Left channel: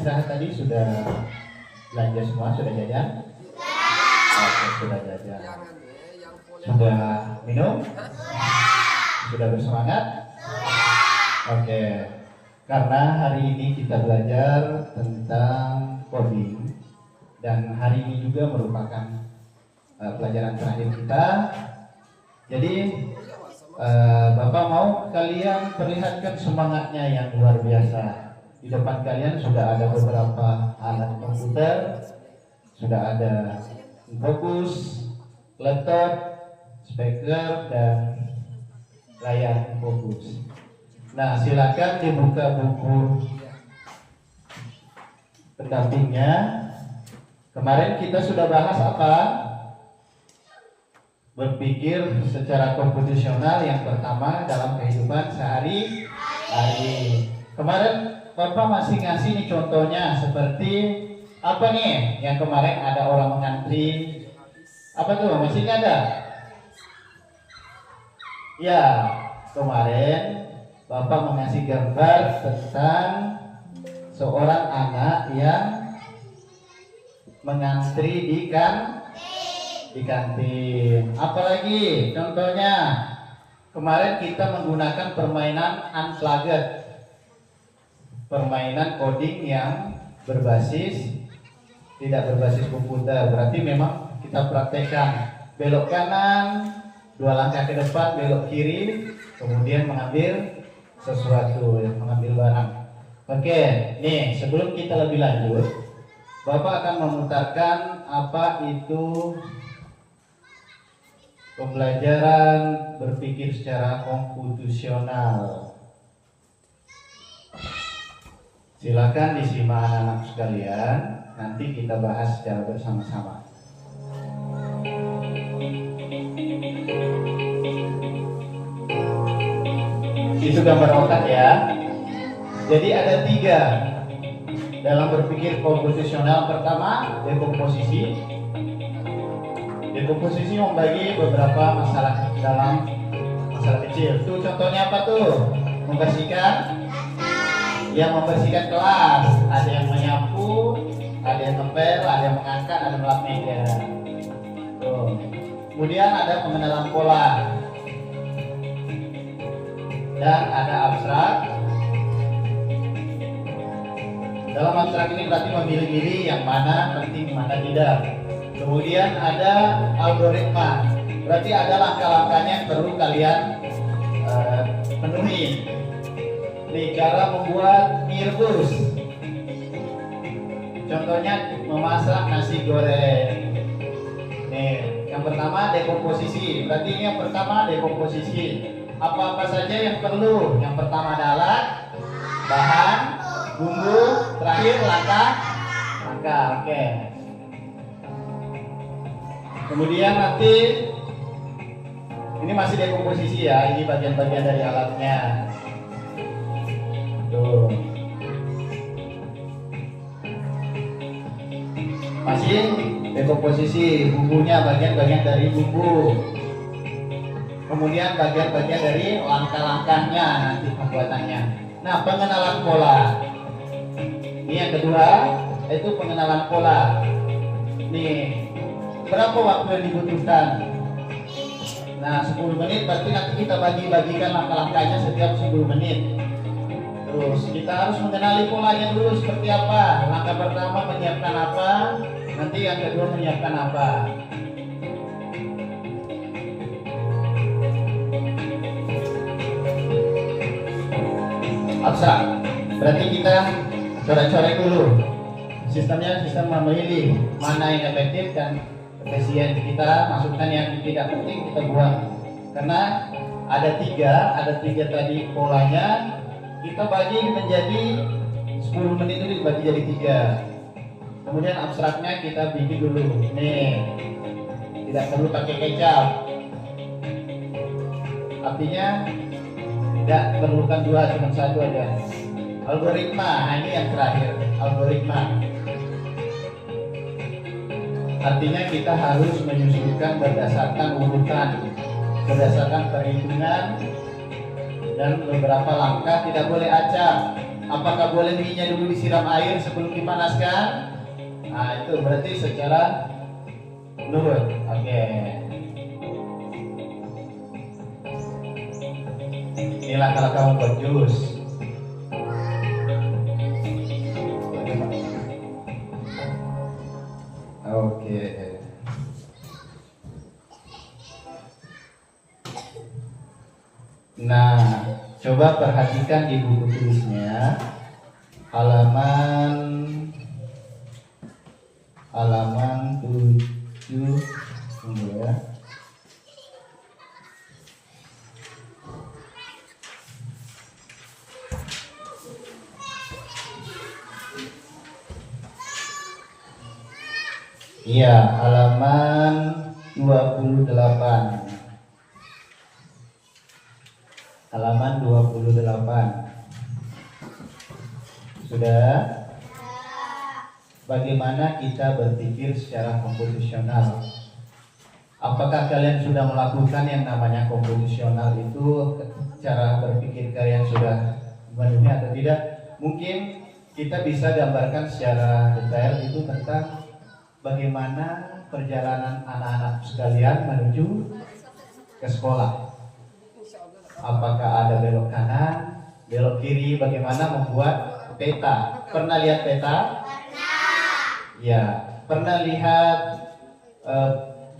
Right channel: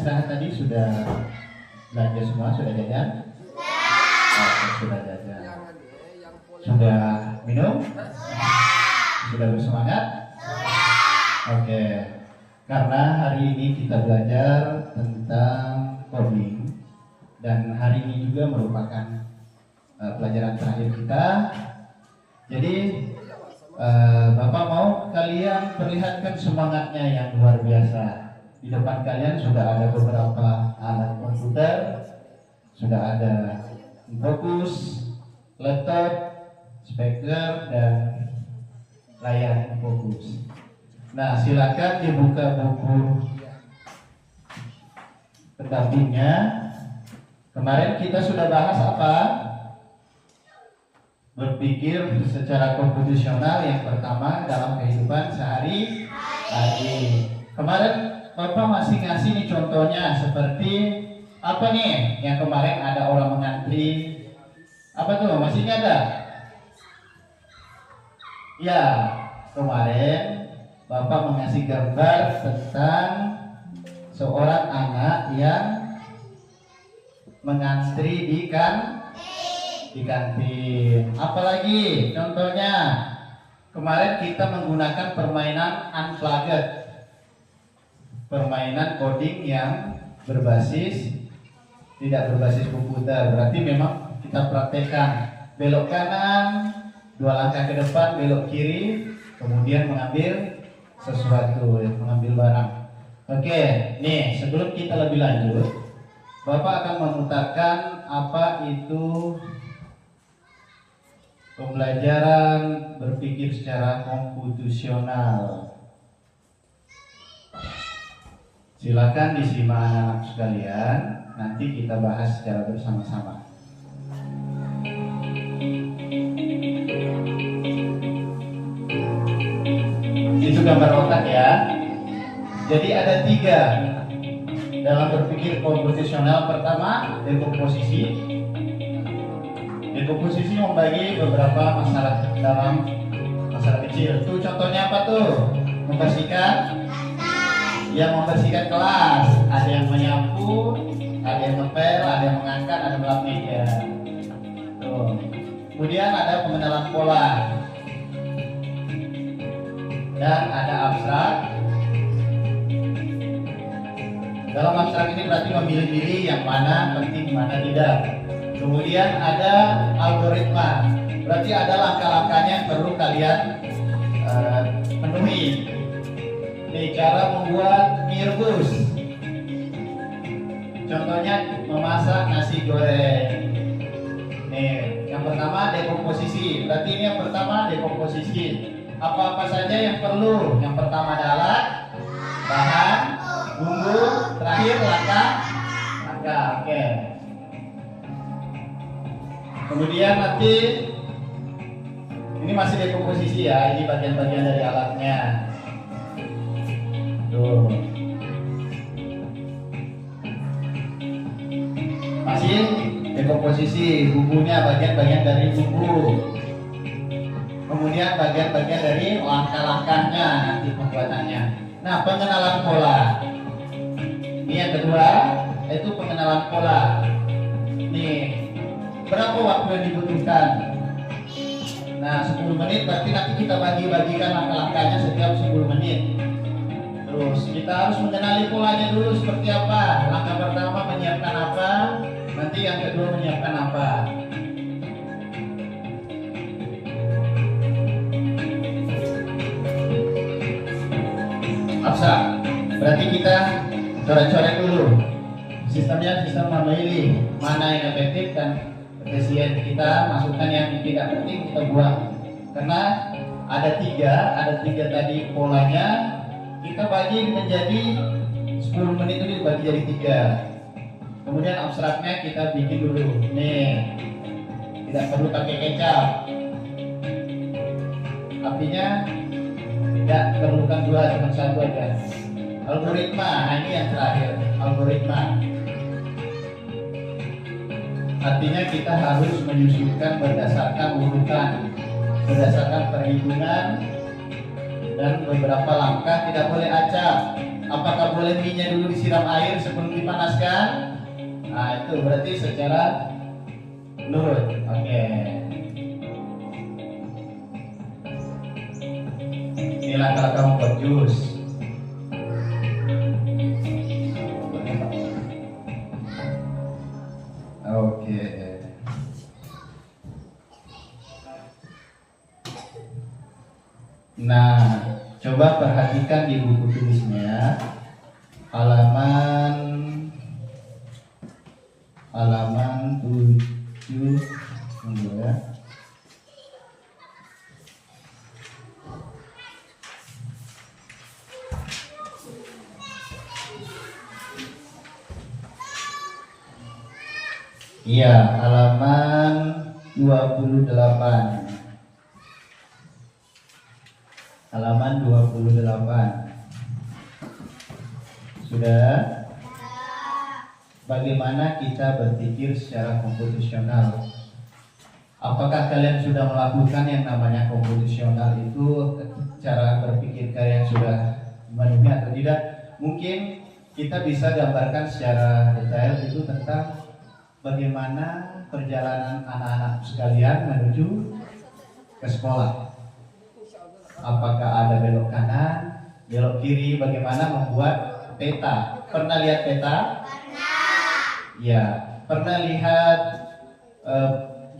istirahat tadi sudah belanja semua, sudah jajan? Oke, sudah jajan. Sudah minum? Sudah bersemangat? Oke. Karena hari ini kita belajar tentang coding dan hari ini juga merupakan pelajaran terakhir kita. Jadi Bapak mau kalian perlihatkan semangatnya yang luar biasa. Di depan kalian sudah ada beberapa alat komputer, sudah ada fokus, laptop, speaker, dan layar fokus. Nah, silakan dibuka buku pendampingnya. Kemarin kita sudah bahas apa? Berpikir secara komputasional yang pertama dalam kehidupan sehari-hari. Kemarin Bapak masih ngasih nih contohnya seperti apa nih? Yang kemarin ada orang mengantri. Apa tuh? Masih ada? Ya, kemarin Bapak mengasih gambar tentang seorang anak yang mengantri di kantin. Apalagi contohnya kemarin kita menggunakan permainan unplugged, permainan coding yang tidak berbasis komputer. Berarti memang kita praktekkan belok kanan, 2 langkah ke depan, belok kiri, kemudian mengambil sesuatu, mengambil barang. Oke, nih sebelum kita lebih lanjut, Bapak akan memutarkan apa itu pembelajaran berpikir secara komputasional. Silakan disimak anak-anak sekalian, nanti kita bahas secara bersama-sama. Itu gambar otak ya. Jadi ada 3 dalam berpikir komputasional. Pertama, dekomposisi. Dekomposisi membagi beberapa masalah dalam masalah kecil. Tuh contohnya apa tuh? Membersihkan. Yang membersihkan kelas. Ada yang menyapu, ada yang ngepel, ada yang mengangkat, ada yang melap meja. Tuh. Kemudian ada pengenalan pola. Dan ada abstrak. Dalam abstrak ini berarti memilih-milih yang mana penting, mana tidak. Kemudian ada algoritma. Berarti ada langkah-langkahnya yang perlu kalian penuhi. Nih, cara membuat mie rebus. Contohnya memasak nasi goreng. Nih, yang pertama dekomposisi. Berarti ini yang pertama dekomposisi. Apa-apa saja yang perlu? Yang pertama adalah bahan, bumbu, terakhir langkah. Oke. Kemudian nanti ini masih dekomposisi ya. Ini bagian-bagian dari alatnya. Tuh. Masih dekomposisi, bumbunya bagian-bagian dari bumbu. Kemudian bagian-bagian dari langkah-langkahnya nanti pembuatannya. Nah, pengenalan pola. Ini yang kedua, yaitu pengenalan pola. Nih, berapa waktu yang dibutuhkan? Nah, 10 menit, berarti nanti kita bagi-bagikan langkah-langkahnya setiap 10 menit. Terus kita harus mengenali polanya dulu seperti apa. Langkah pertama menyiapkan apa, nanti yang kedua menyiapkan apa. Abstrak. Berarti kita coret-coret dulu. Sistemnya sistem memilih mana yang efektif dan efisien. Kita masukkan yang tidak penting, kita buang. Karena ada tiga tadi polanya. Kita bagi menjadi 10 menit itu dibagi jadi 3. Kemudian abstraknya kita bikin dulu. Nih, tidak perlu pakai kecap. Artinya tidak perlukan 2, cuma 1 aja. Algoritma, nah ini yang terakhir, algoritma. Artinya kita harus menyusunkan berdasarkan urutan, berdasarkan perhitungan, dan beberapa langkah, tidak boleh acak. Apakah boleh mie-nya dulu disiram air sebelum dipanaskan? Nah, itu berarti secara menurut. Oke. Inilah kalau kamu buat jus. Oke. Nah, coba perhatikan di buku tulisnya halaman 7 ya. Iya, halaman 28. Halaman 28. Sudah? Bagaimana kita berpikir secara komposisional? Apakah kalian sudah melakukan yang namanya komposisional itu? Cara berpikir kalian sudah memenuhi atau tidak? Mungkin kita bisa gambarkan secara detail itu tentang bagaimana perjalanan anak-anak sekalian menuju ke sekolah. Apakah ada belok kanan, belok kiri, bagaimana membuat peta? Pernah lihat peta? Ya, pernah lihat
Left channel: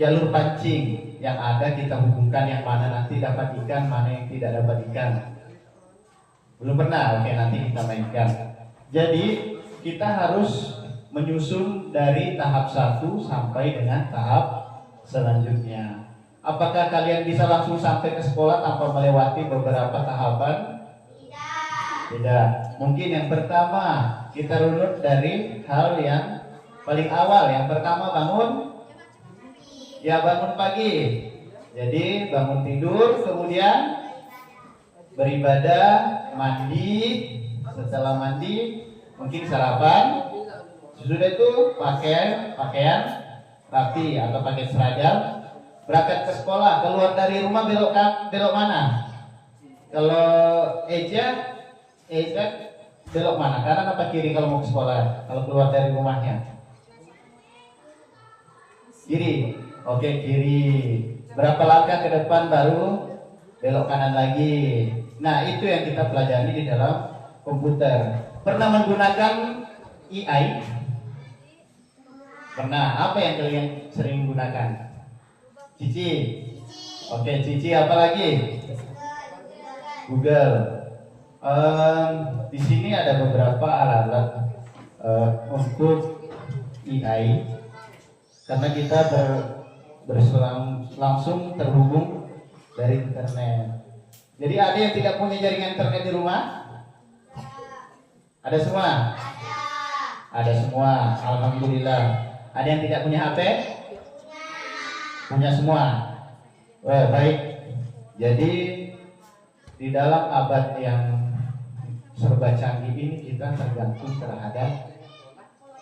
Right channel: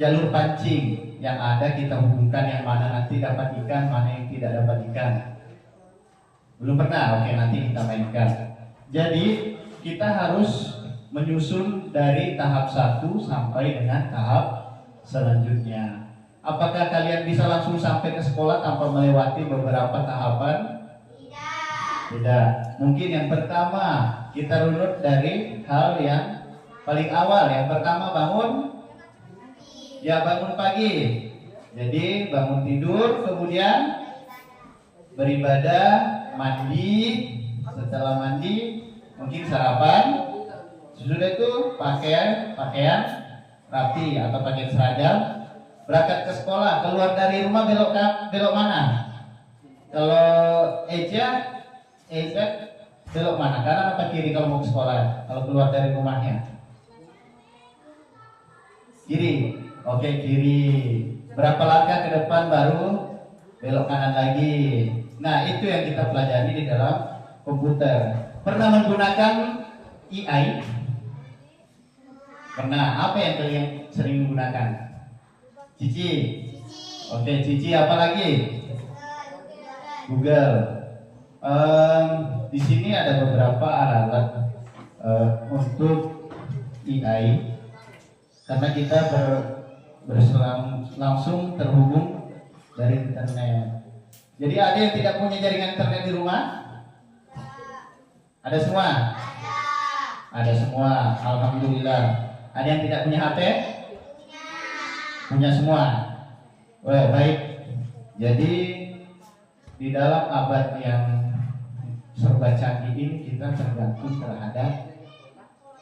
jalur pancing yang ada kita hubungkan yang mana nanti dapat ikan, mana yang tidak dapat ikan? Belum pernah? Oke, nanti kita mainkan. Jadi kita harus menyusun dari tahap 1 sampai dengan tahap selanjutnya. Apakah kalian bisa langsung sampai ke sekolah tanpa melewati beberapa tahapan? Tidak. Mungkin yang pertama kita runut dari hal yang paling awal. Yang pertama bangun pagi. Jadi bangun tidur, kemudian beribadah, mandi. Setelah mandi mungkin sarapan. Sesudah itu pakaian rapi atau pakai seragam, berangkat ke sekolah. Keluar dari rumah belok mana? Kalau Eja belok mana? Kanan apa kiri kalau mau ke sekolah? Kalau keluar dari rumahnya? Kiri. Oke, kiri. Berapa langkah ke depan baru belok kanan lagi. Nah, itu yang kita pelajari di dalam komputer. Pernah menggunakan AI? Pernah. Apa yang kalian sering menggunakan? Cici. Oke, Cici apa lagi? Google. Di sini ada beberapa alat untuk AI karena kita langsung terhubung dari internet. Jadi ada yang tidak punya jaringan internet di rumah? Ada semua? Ada semua. Alhamdulillah. Ada yang tidak punya HP? Punya semua. Well, baik. Jadi di dalam abad yang serba canggih ini kita tergantung terhadap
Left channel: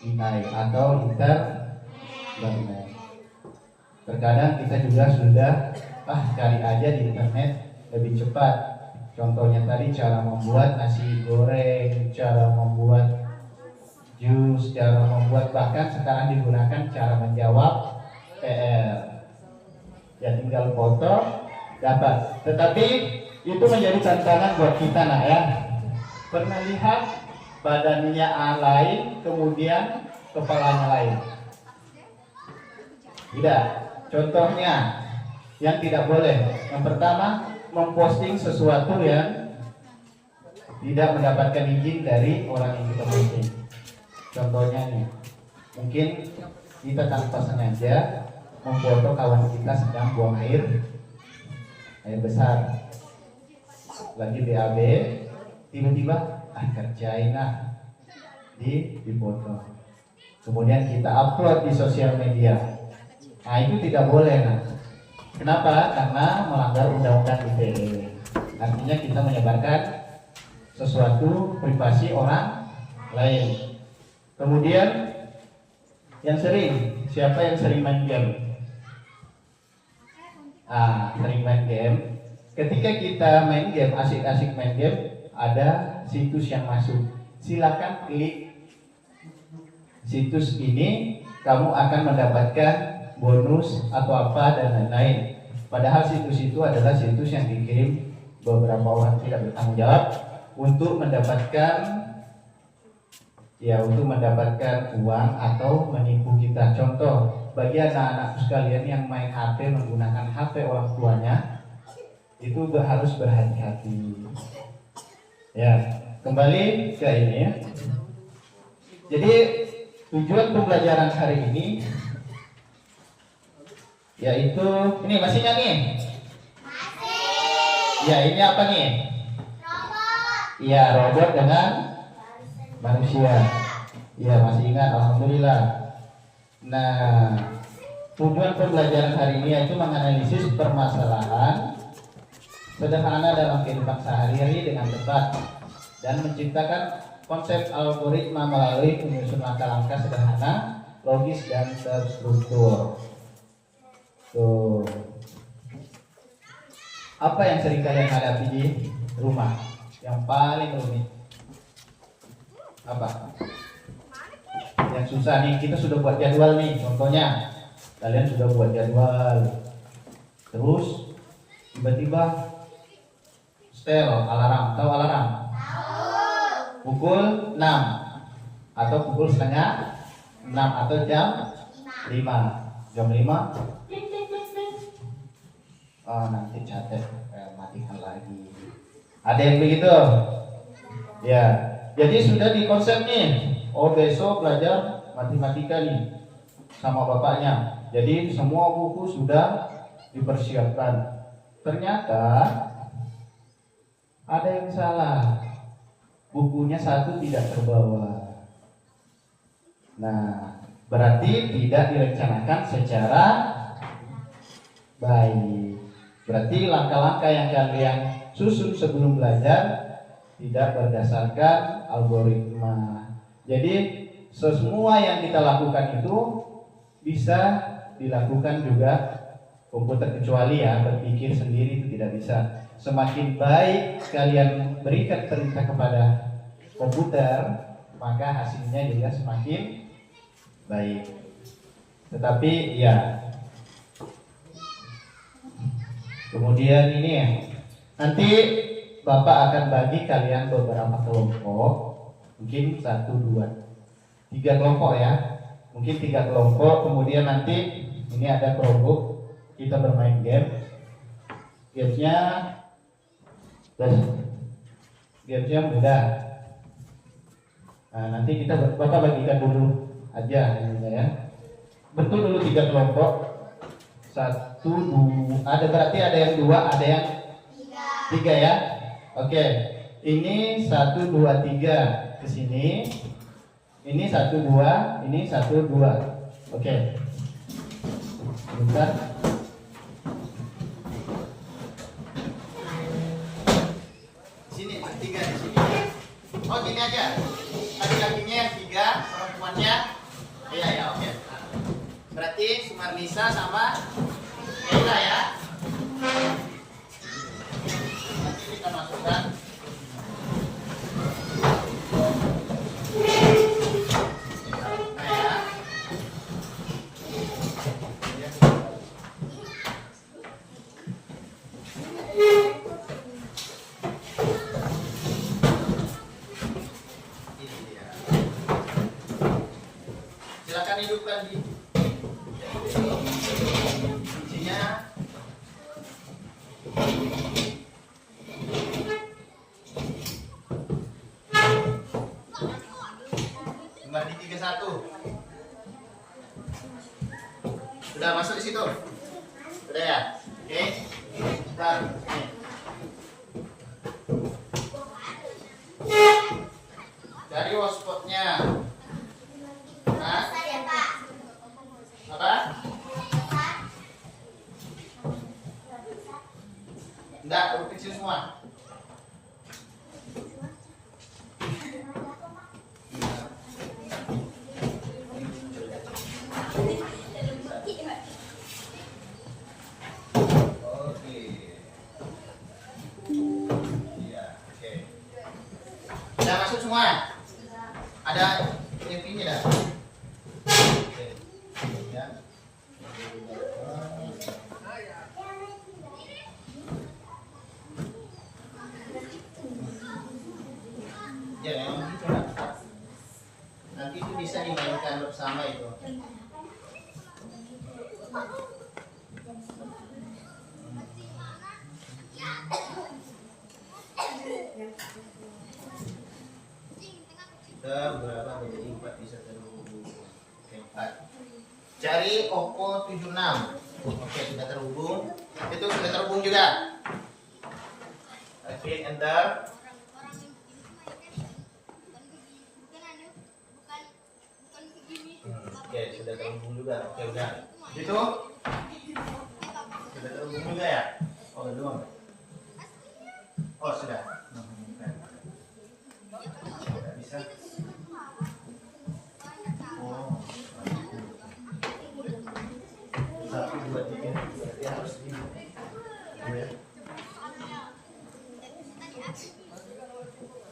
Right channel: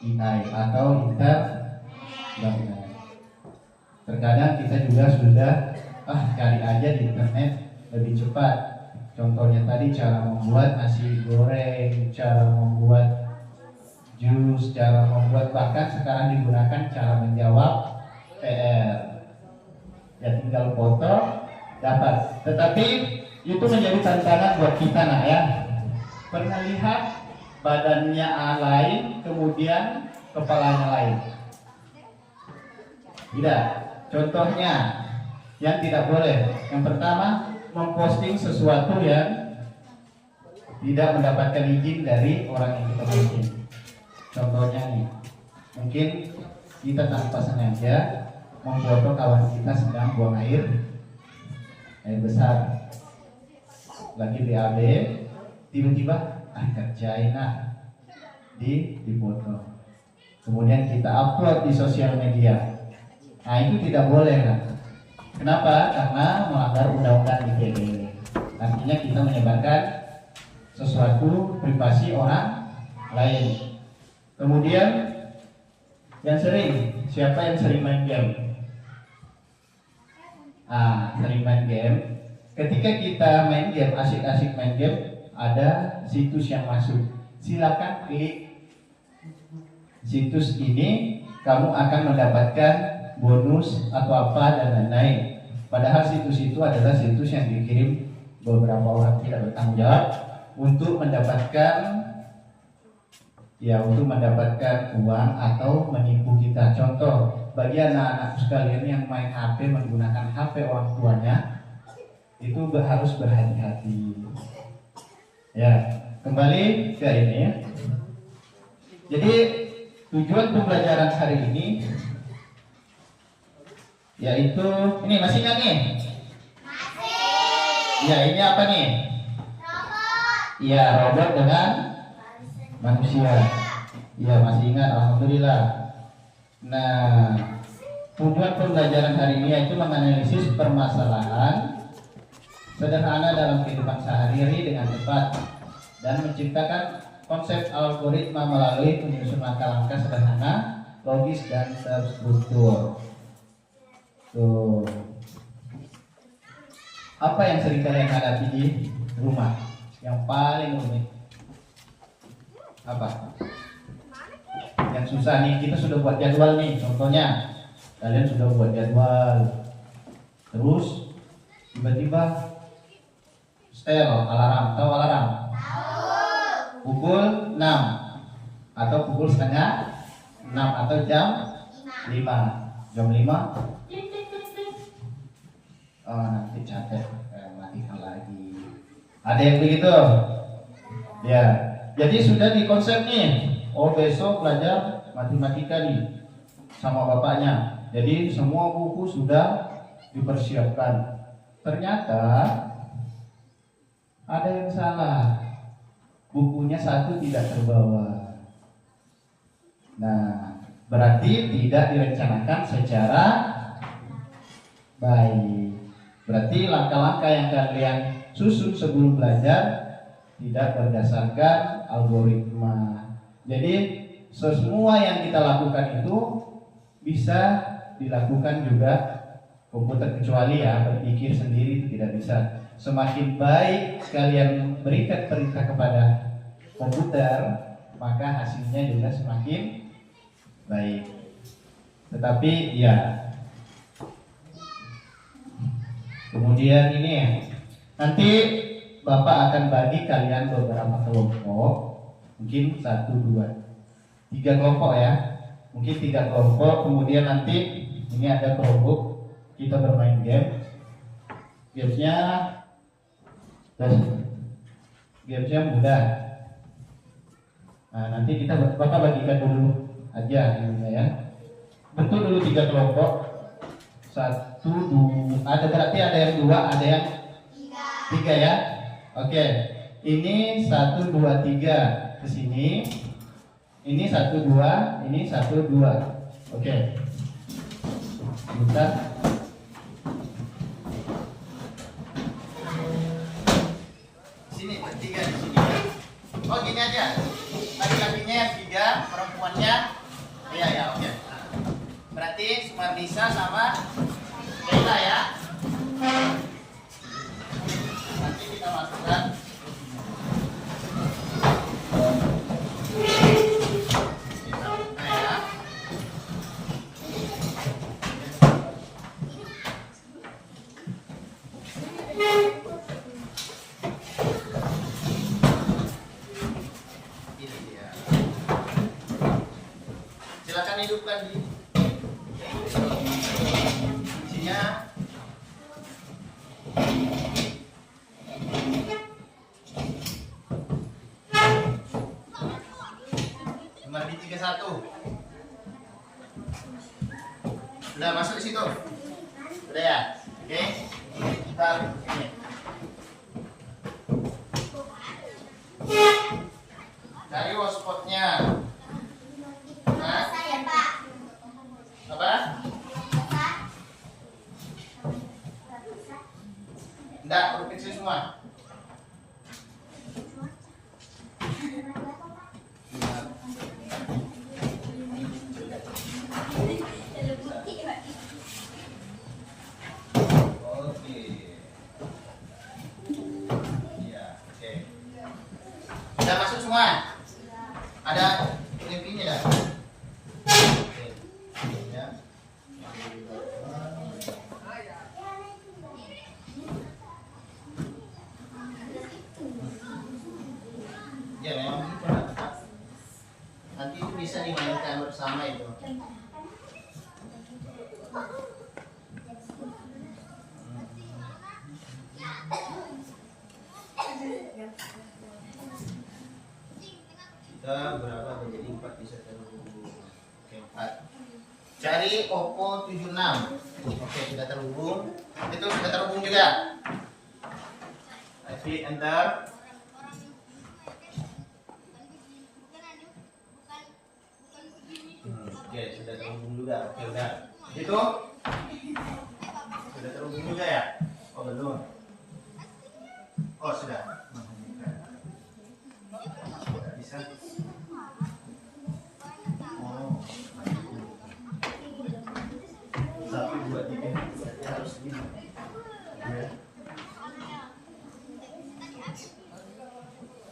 AI atau internet. Terkadang kita juga sudah cari aja di internet lebih cepat. Contohnya tadi cara membuat nasi goreng, cara membuat jus, cara membuat, bahkan sekarang digunakan cara menjawab ya tinggal foto dapat. Tetapi itu menjadi tantangan buat kita nak ya. Pernah lihat badannya lain kemudian kepalanya lain? Tidak. Contohnya yang tidak boleh. Yang pertama, memposting sesuatu yang tidak mendapatkan izin dari orang yang kita posting. Contohnya nih, mungkin kita tanpa sengaja memfoto kawan kita sedang buang air besar, lagi BAB, tiba-tiba kerjain di foto, kemudian kita upload di sosial media. Nah itu tidak boleh kan? Kenapa? Karena melanggar undang-undang ITE. Artinya kita menyebarkan sesuatu privasi orang lain. Kemudian yang sering, siapa yang sering main game? Sering main game. Ketika kita main game, asik-asik main game, ada situs yang masuk. silakan klik situs ini, kamu akan mendapatkan bonus atau apa dan lain-lain. Padahal situs itu adalah situs yang dikirim beberapa orang tidak bertanggung jawab untuk mendapatkan uang atau menipu kita. Contoh, bagi anak-anak sekalian yang main HP menggunakan HP orang tuanya, itu harus berhati-hati. Ya, kembali ke ini. Jadi tujuan pembelajaran hari ini yaitu ini masih nggak nih? Masih. Ya, ini apa nih? Robot. Iya, robot dengan manusia. Iya, masih ingat, alhamdulillah. Nah, tujuan pembelajaran hari ini yaitu menganalisis permasalahan sederhana dalam kehidupan sehari-hari dengan tepat dan menciptakan konsep algoritma melalui penyusun langkah-langkah sederhana, logis dan terstruktur. Tuh. Apa yang sering kalian hadapi di rumah? Yang paling rumit apa? Yang susah nih, kita sudah buat jadwal nih. Contohnya, kalian sudah buat jadwal, terus tiba-tiba setel alarm, tahu alarm? Pukul 6 atau pukul setengah 6 atau jam 5. Jam 5. Oh, nanti capek, matikan lagi. Ada yang begitu? Ya. Jadi sudah dikonsep nih. Oh, besok belajar matematika nih sama bapaknya. Jadi semua buku sudah dipersiapkan. Ternyata ada yang salah. Bukunya satu tidak terbawa. Nah, berarti tidak direncanakan secara baik. Berarti langkah-langkah yang kalian susun sebelum belajar tidak berdasarkan algoritma. Jadi semua yang kita lakukan itu bisa dilakukan juga komputer, kecuali ya berpikir sendiri itu tidak bisa. Semakin baik kalian berikan perintah kepada komputer, maka hasilnya juga semakin baik. Tetapi ya, kemudian ini nanti Bapak akan bagi kalian beberapa kelompok, mungkin 1, 2, 3 kelompok ya, mungkin 3 kelompok. Kemudian nanti ini ada kelompok kita bermain game. Gamesnya mudah. Nah, nanti Bapak bagikan dulu aja ya. Bentuk dulu 3 kelompok. 1, 2, berarti ada yang 2, ada yang 3 ya. Oke. Ini 1, 2, 3 ke sini. Ini 1, 2, ini 1, 2. Oke. Bentar. Oh, gini aja. Laki-lakinya yang 3, perempuannya. Iya ya, oke. Berarti Sumarnisa sama Sheila ya. Nanti kita masukkan. Nah ya. Silakan hidupkan di kuncinya. Nomor di 31. Sudah masuk di situ? Sudah ya? Oke. Kita ini. Cari hotspotnya. Apa? Enggak, huruf kecil semua. Oke. Iya, oke. Sudah masuk semua? ada ininya dah. Oke. Ya. Ya memang gitu lah. Nanti itu bisa dimainkan bersama itu. Kita berapa menjadi 4 bisa terhubung. Oke, 4. Cari Oppo 76. Oke, sudah terhubung. Itu sudah terhubung juga. Klik enter. Oke, sudah terhubung juga. Oke, udah. Itu sudah terhubung juga ya? Oh, belum. Oh, sudah. Tidak bisa. Oh. 1, 2, 3. Berarti harus ini.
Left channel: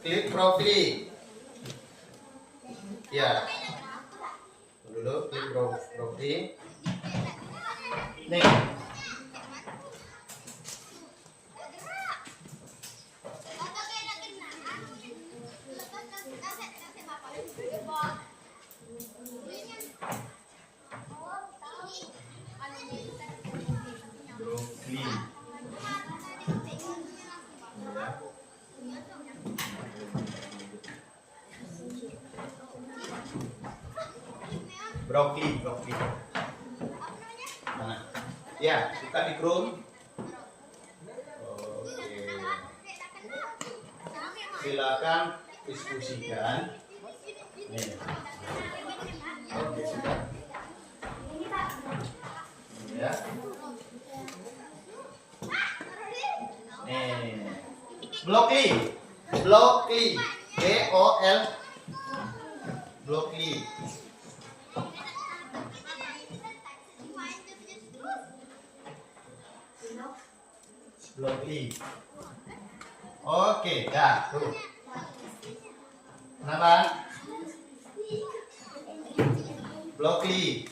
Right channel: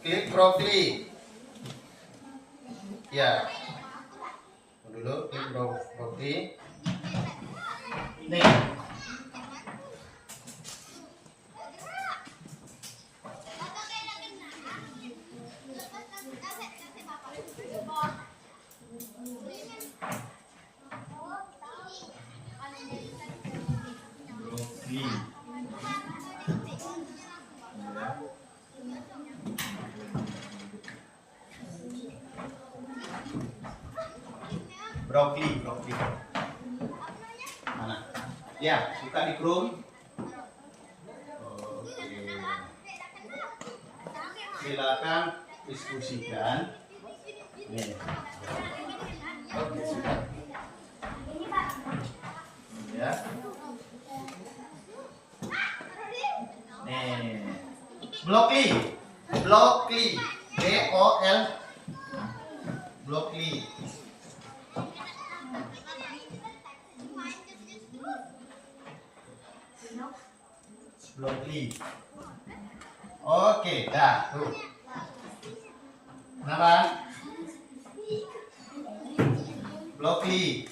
Klik profil. Ya. Dulu klik profil. Nih. Brokoli. Mana? Ya, buka di Chrome. Oke. Silakan diskusikan. Nih. Oke, sudah. Ya. Nih. Blokli. BOL. Blokli. Blokli. Oke, dah tuh. Kenapa? Blokli.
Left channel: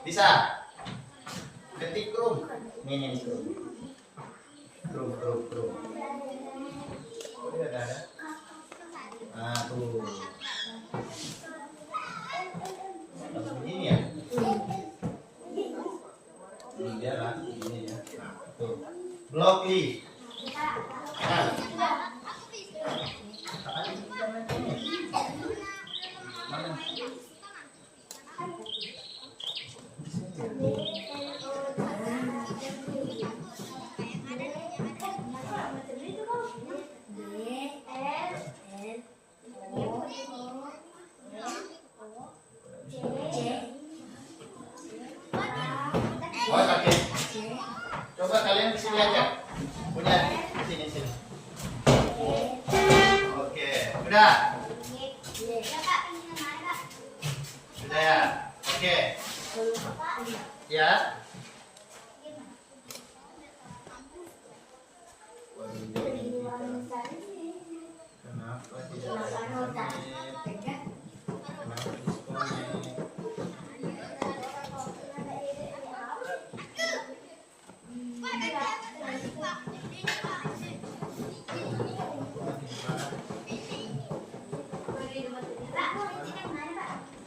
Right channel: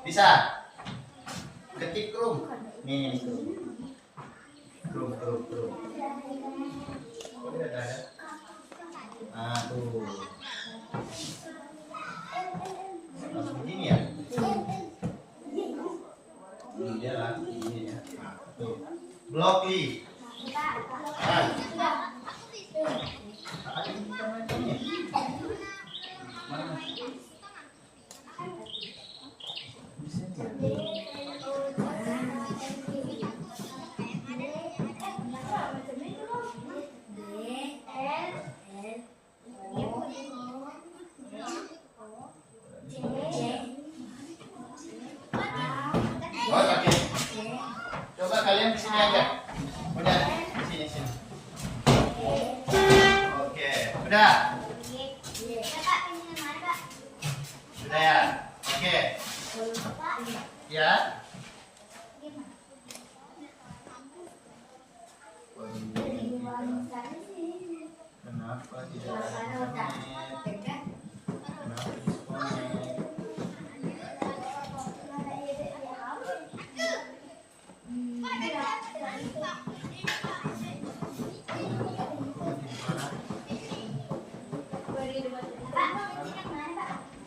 Bisa. Ketik Chrome. Nih Chrome. Chrome. Oh, dia ada. Nah, tuh. Langsung begini ya. Dia lah ini ya. Nah, tuh. Blokli. Nah. Mana? Oh, pakai. Coba kalian kesini aja. Udah, sini. Oke, udah. Sudah ya. Oke. Ya. Kenapa tidak ada diskonnya?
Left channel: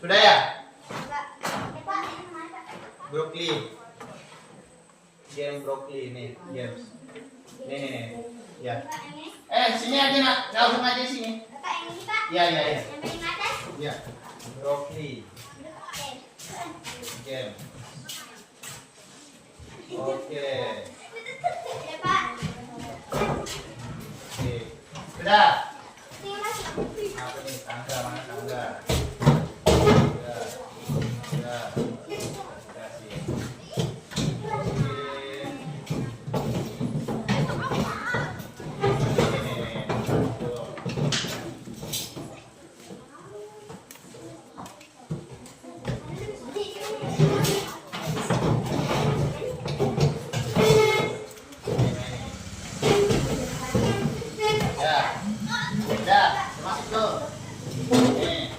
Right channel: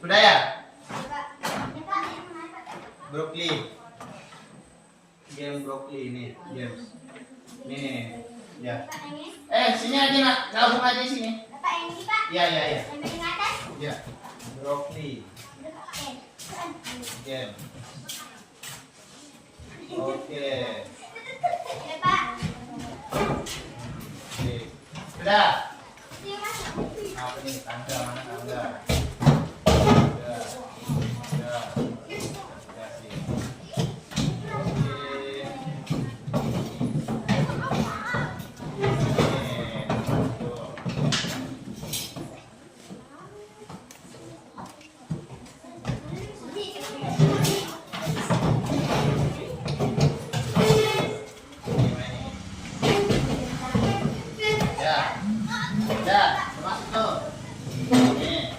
Sudah ya? Brokoli. Game brokoli ini, games. Nih. Ya. Sini aja nak, langsung aja sini. Ya. Ya. Brokoli. Game. Oke. Sudah. Apa nih? Tangga mana tangga? Sudah. Kasih. Udah, masuk tuh. Nih.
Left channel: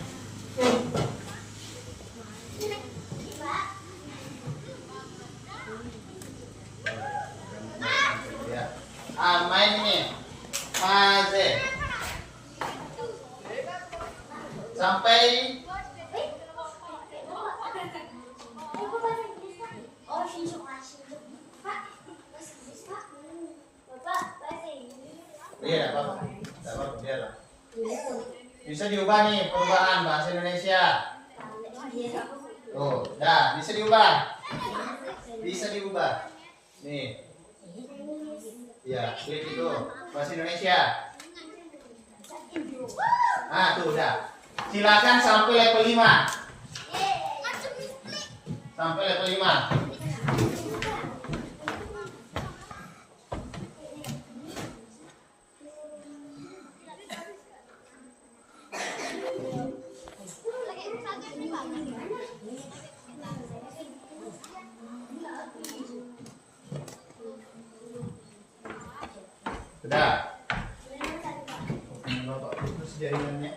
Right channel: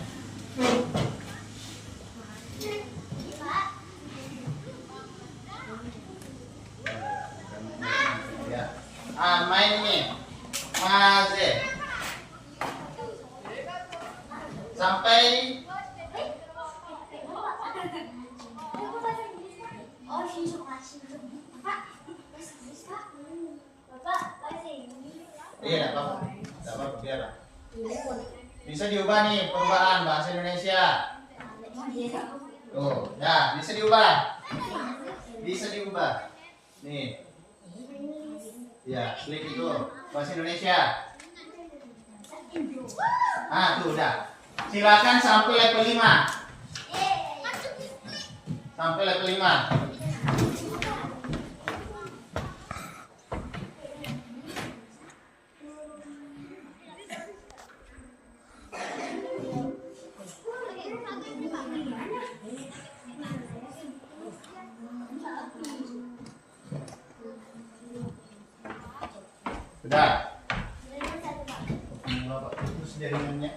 Iya, tidak apa-apa. Tidak apa-apa, biarlah. Bisa diubah nih perubahan bahasa Indonesia. Tuh, nah bisa diubah. Bisa diubah. Nih. Ya, klik itu bahasa Indonesia. Ah, tuh udah. Silakan sampai level 5. Sampai level 5. Sudah. Bapak putus jaringannya.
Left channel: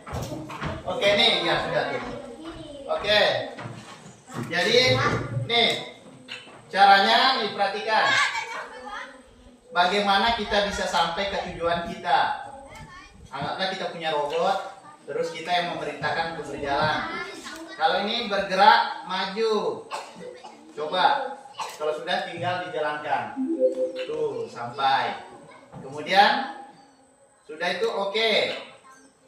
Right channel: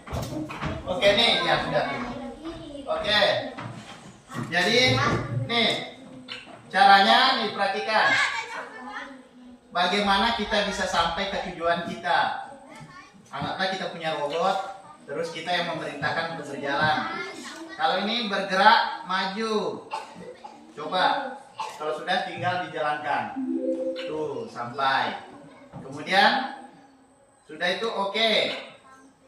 Oke nih, ya sudah. Oke. Jadi nih caranya nih perhatikan. Bagaimana kita bisa sampai ke tujuan kita? Anggaplah kita punya robot, terus kita yang memerintahkan untuk berjalan. Kalau ini bergerak maju. Coba. Kalau sudah tinggal dijalankan. Tuh, sampai. Kemudian sudah itu oke.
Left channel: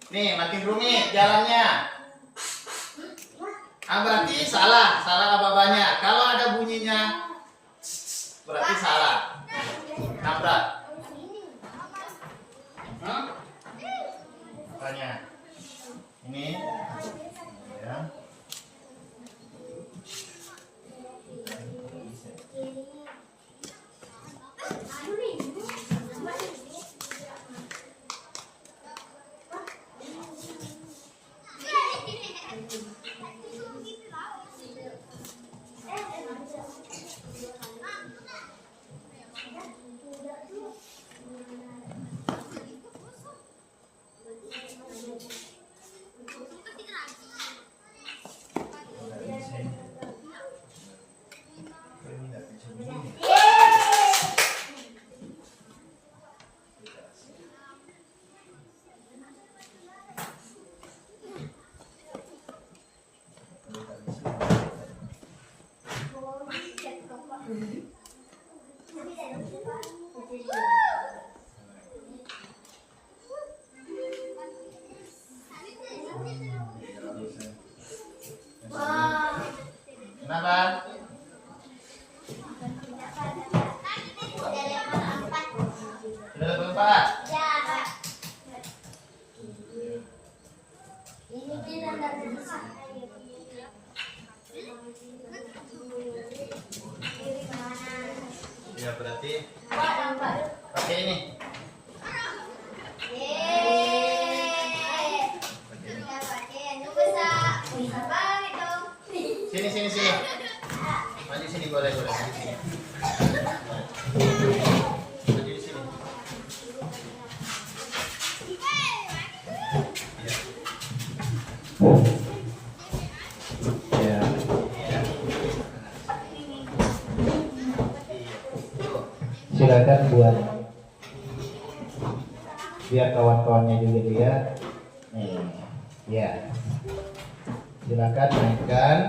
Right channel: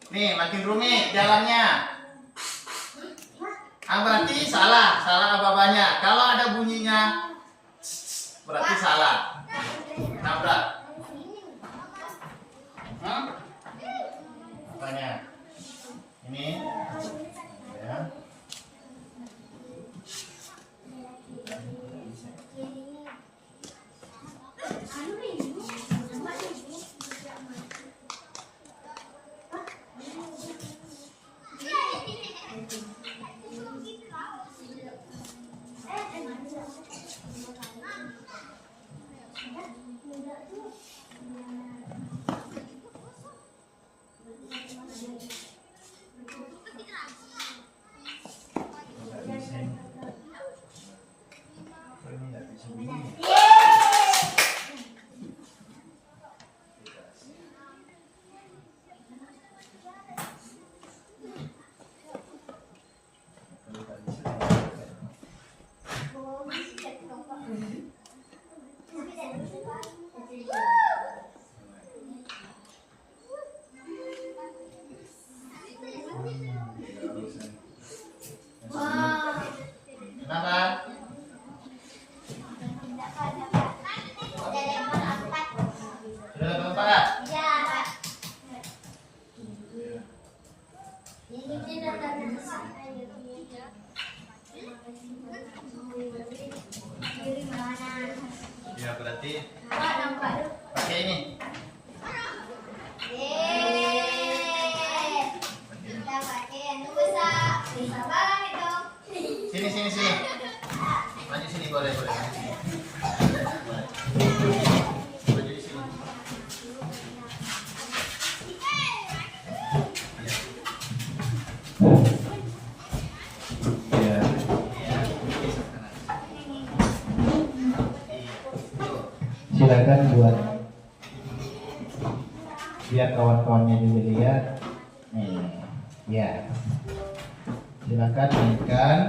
Nih makin rumit jalannya. Ah berarti salah apa-apanya. Kalau ada bunyinya berarti salah. Tabrak. Makanya ini ya. Kenapa? Sudah level 4? Ya, Pak. Ini tidak ada Ya berarti yang baru. pakai ini. Kita pakai itu bisa balik dong. Sini. Maju sini boleh. Maju sini. Ya. Silakan buat biar kawan-kawannya juga lihat. Nih, ya. Silakan mainkan.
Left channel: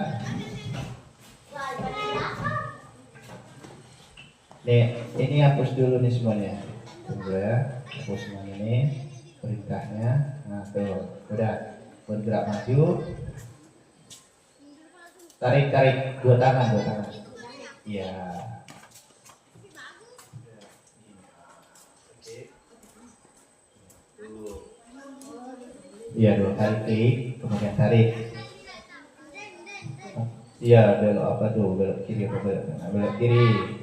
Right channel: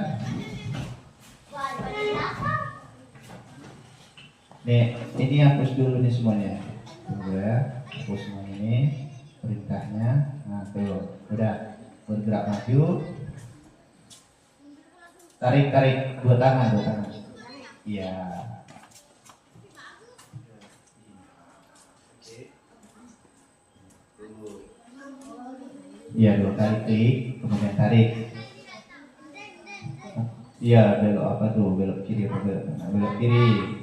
Nih, ini hapus dulu nih semuanya. Tunggu ya, hapus semua ini perintahnya. Nah, tuh, udah bergerak maju. Tarik dua tangan. Iya. Iya, dua kali klik, kemudian tarik. Iya, belok kiri apa belok kiri.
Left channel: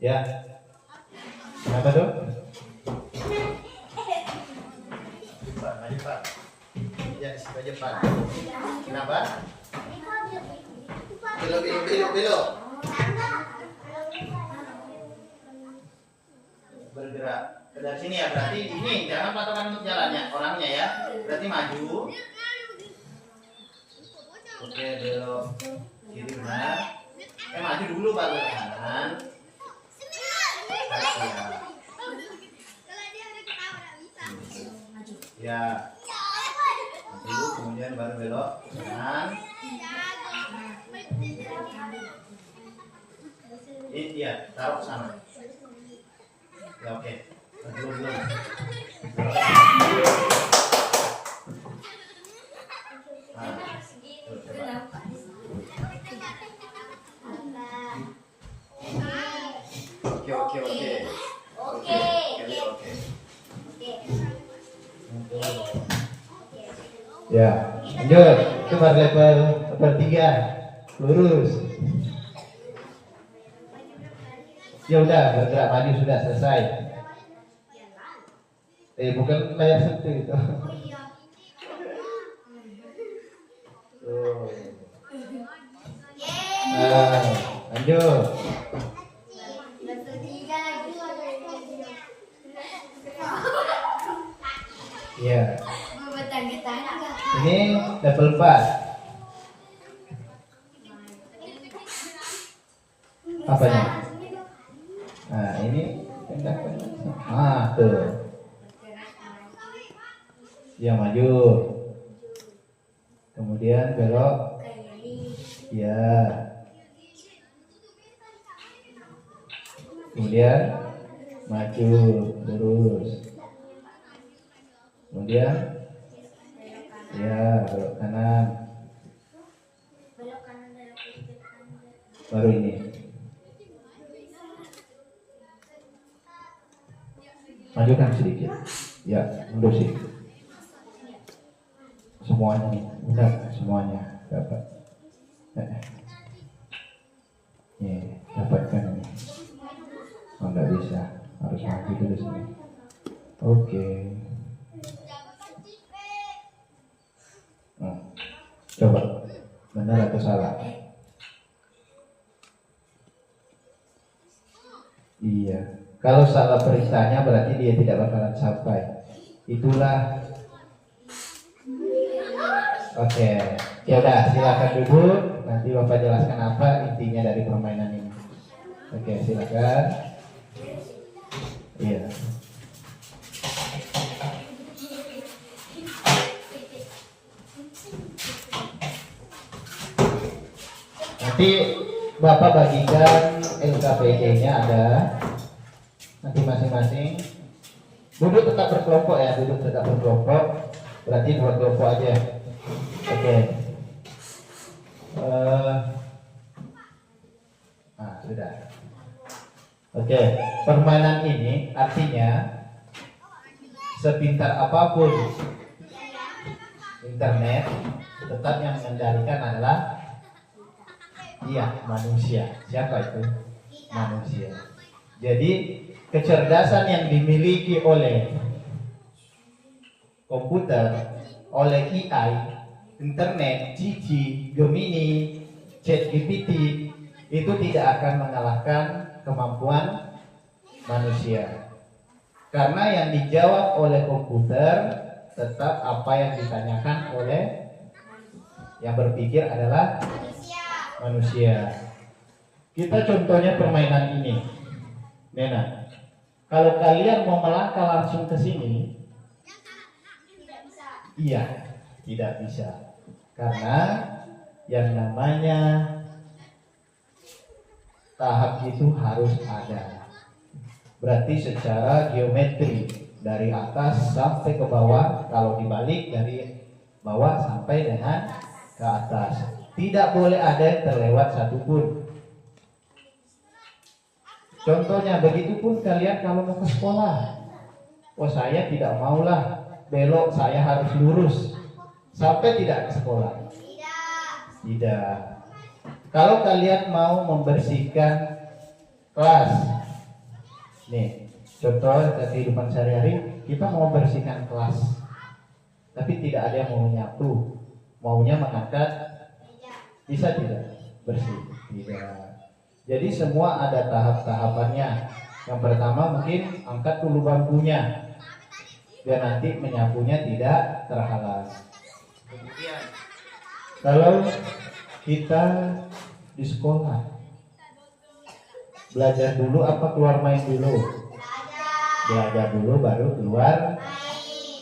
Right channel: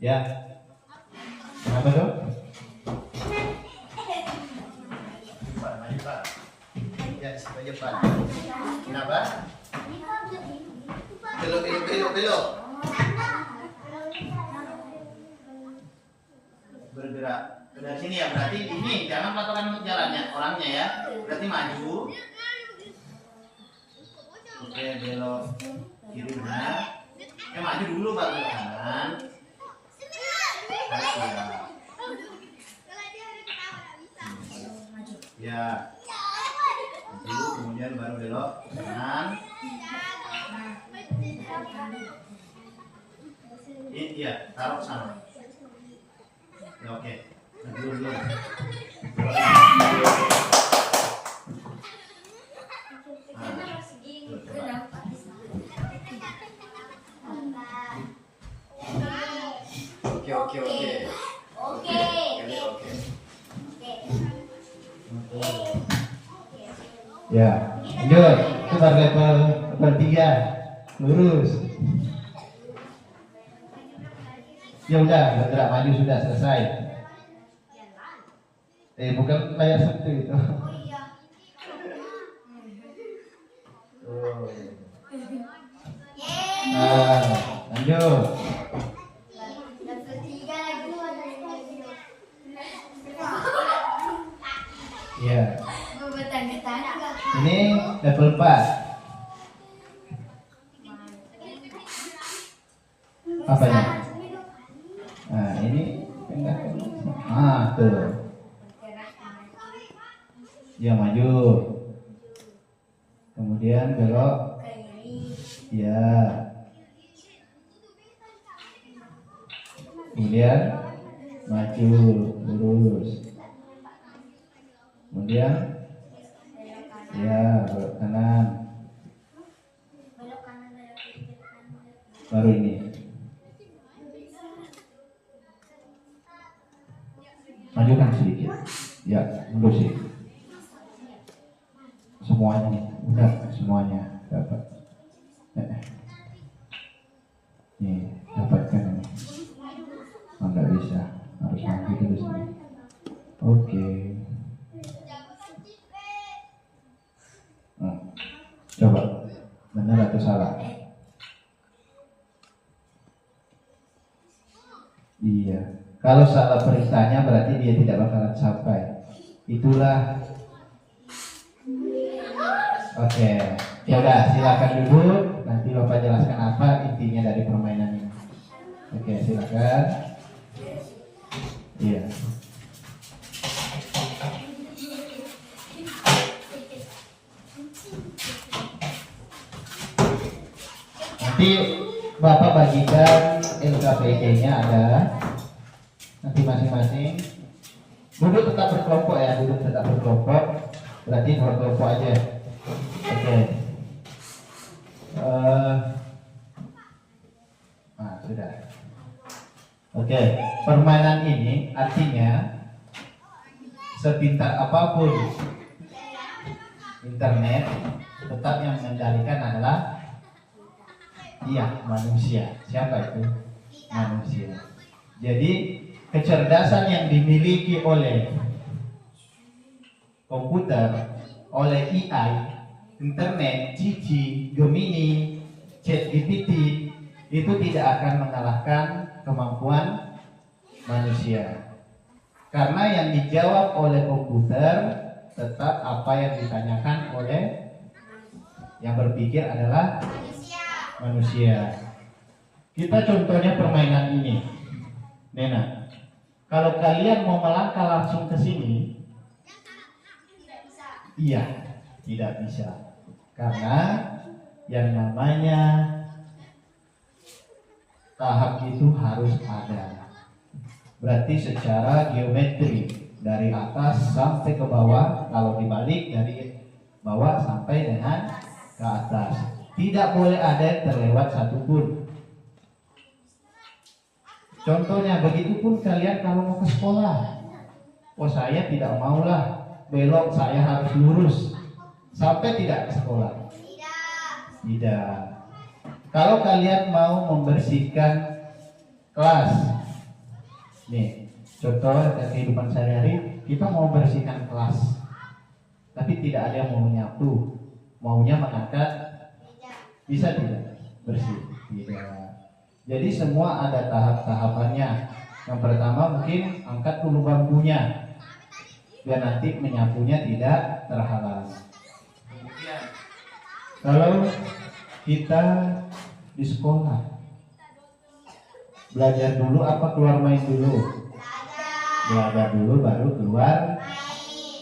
Ya. Kenapa dong? Maju Pak. Ya, situ aja Pak. Kenapa? Belok. Bergerak. Dari sini ya, berarti ini jangan patokan untuk jalannya, orangnya ya. Berarti maju. Oke, belok kiri benar. Maju dulu baru ke kanan. Ya. Dulu kemudian baru belok ke kanan. Iya, taruh sana. Ya oke. Dulu. Ya, lanjut. Itu baru level 3. Lurus. Ya udah, bergerak maju sudah selesai. Bukan layar sentuh itu. Tuh. Nah, lanjut. Ya. Ini level 4. Apanya? Nah, ini tuh. Ya, maju. Kemudian belok. Ya. Kemudian maju lurus. Kemudian ya belok kanan. Baru ini. Majukan sedikit. Ya, mundur sedikit. Semuanya, udah semuanya dapat. Nih, dapatkan ini. Oh, nggak bisa, harus maju dulu sini. Oke. Coba, benar atau salah? Iya. Kalau salah perintahnya berarti dia tidak bakalan sampai. Itulah. Oke. Ya udah, silakan duduk. Nanti Bapak jelaskan apa intinya dari permainan ini. Oke, silakan. Iya. Nanti Bapak bagikan LKPD-nya ada. Nanti masing-masing duduk tetap berkelompok ya, duduk tetap berkelompok. Berarti buat kelompok aja. Oke. Sudah. Oke, permainan ini artinya sepintar apapun internet, tetap yang mengendalikan adalah manusia. Siapa itu? Manusia. Jadi kecerdasan yang dimiliki oleh komputer, oleh AI, internet, Gigi, Gemini, ChatGPT itu tidak akan mengalahkan kemampuan manusia. Karena yang dijawab oleh komputer tetap apa yang ditanyakan oleh yang berpikir adalah manusia. Kita contohnya permainan ini. Nena, kalau kalian mau melangkah langsung ke sini, iya, tidak bisa. Karena yang namanya tahap itu harus ada. Berarti secara geometri dari atas sampai ke bawah, kalau dibalik dari bawah sampai dengan ke atas. Tidak boleh ada yang terlewat satupun. Contohnya, begitupun kalian kalau mau ke sekolah. Oh, saya tidak maulah belok, saya harus lurus. Sampai tidak ke sekolah? Tidak. Kalau kalian mau membersihkan kelas, nih, contoh kehidupan sehari-hari, kita mau bersihkan kelas, tapi tidak ada yang mau nyapu, maunya mengangkat, bisa tidak bersih? Tidak. Jadi semua ada tahap-tahapannya. Yang pertama mungkin angkat dulu bangkunya, biar nanti menyapunya tidak terhalang. Kemudian kalau kita di sekolah, belajar dulu apa keluar main dulu? Belajar dulu baru keluar.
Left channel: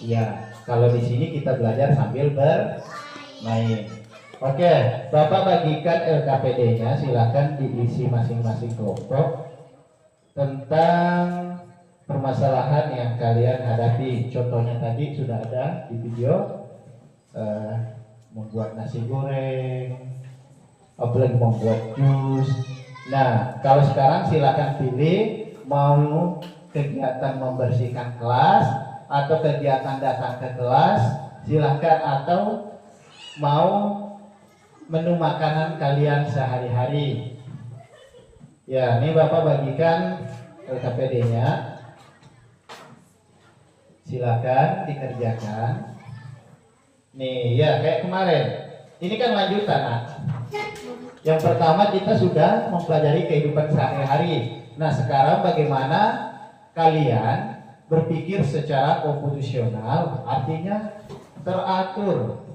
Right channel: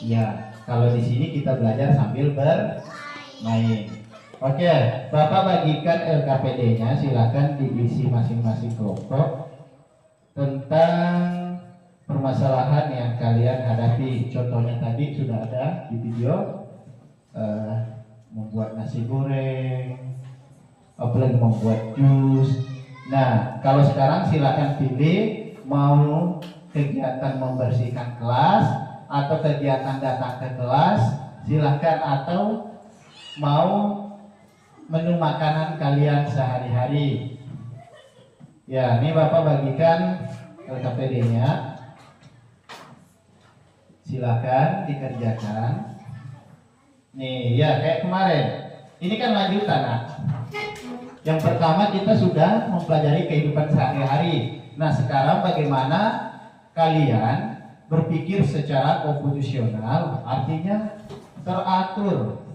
Ya, kalau di sini kita belajar sambil bermain. Oke, Bapak bagikan LKPD-nya, silakan diisi masing-masing kelompok tentang permasalahan yang kalian hadapi. Contohnya tadi sudah ada di video, membuat nasi goreng, apalagi membuat jus. Nah, kalau sekarang silakan pilih mau kegiatan membersihkan kelas atau kegiatan datang ke kelas, silakan, atau mau menu makanan kalian sehari-hari. Ya, ini Bapak bagikan LKPD-nya. Silakan dikerjakan. Nih, ya kayak kemarin. Ini kan lanjutan, Nak. Yang pertama kita sudah mempelajari kehidupan sehari-hari. Nah, sekarang bagaimana kalian berpikir secara komposisional, artinya teratur.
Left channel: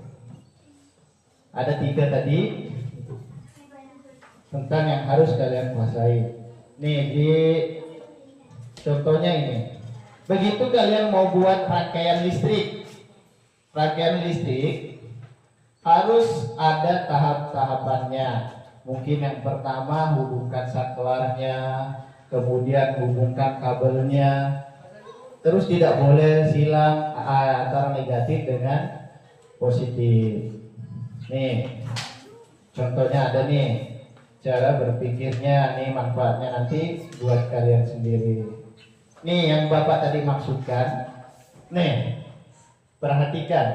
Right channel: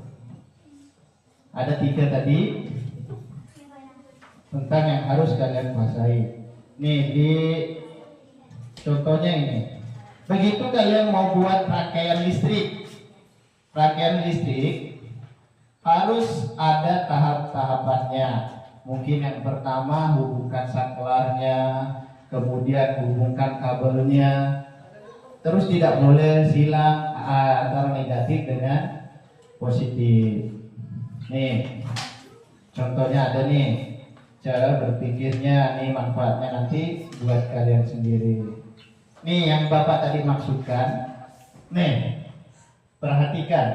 Ada 3 tadi tentang yang harus kalian kuasai. Nih, di contohnya ini. Begitu kalian mau buat rangkaian listrik harus ada tahap-tahapannya. Mungkin yang pertama hubungkan saklarnya, kemudian hubungkan kabelnya. Terus tidak boleh silang antara negatif dengan positif. Nih, contohnya ada nih, cara berpikirnya, nih manfaatnya nanti buat kalian sendiri. Nih yang Bapak tadi maksudkan, nih perhatikan,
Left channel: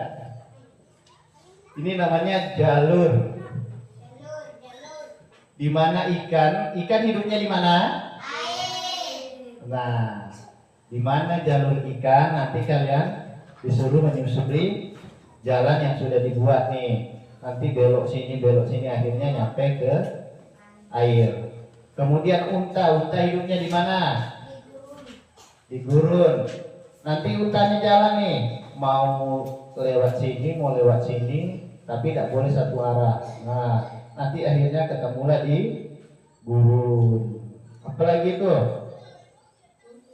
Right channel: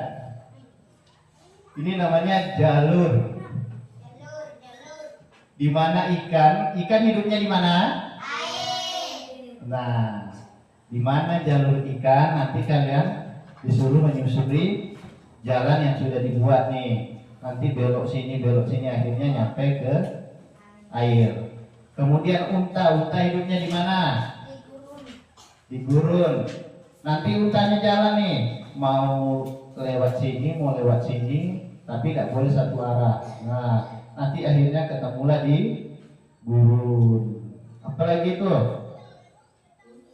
ini namanya jalur. Di mana ikan hidupnya di mana? Nah, di mana jalur ikan, nanti kalian disuruh menyusuri jalan yang sudah dibuat nih. Nanti belok sini, akhirnya nyampe ke air. Kemudian unta hidupnya di mana? Di gurun. Nanti untanya jalan nih, mau lewat sini, tapi tidak boleh satu arah. Nah, nanti akhirnya ketemulah di gurun. Apalagi itu?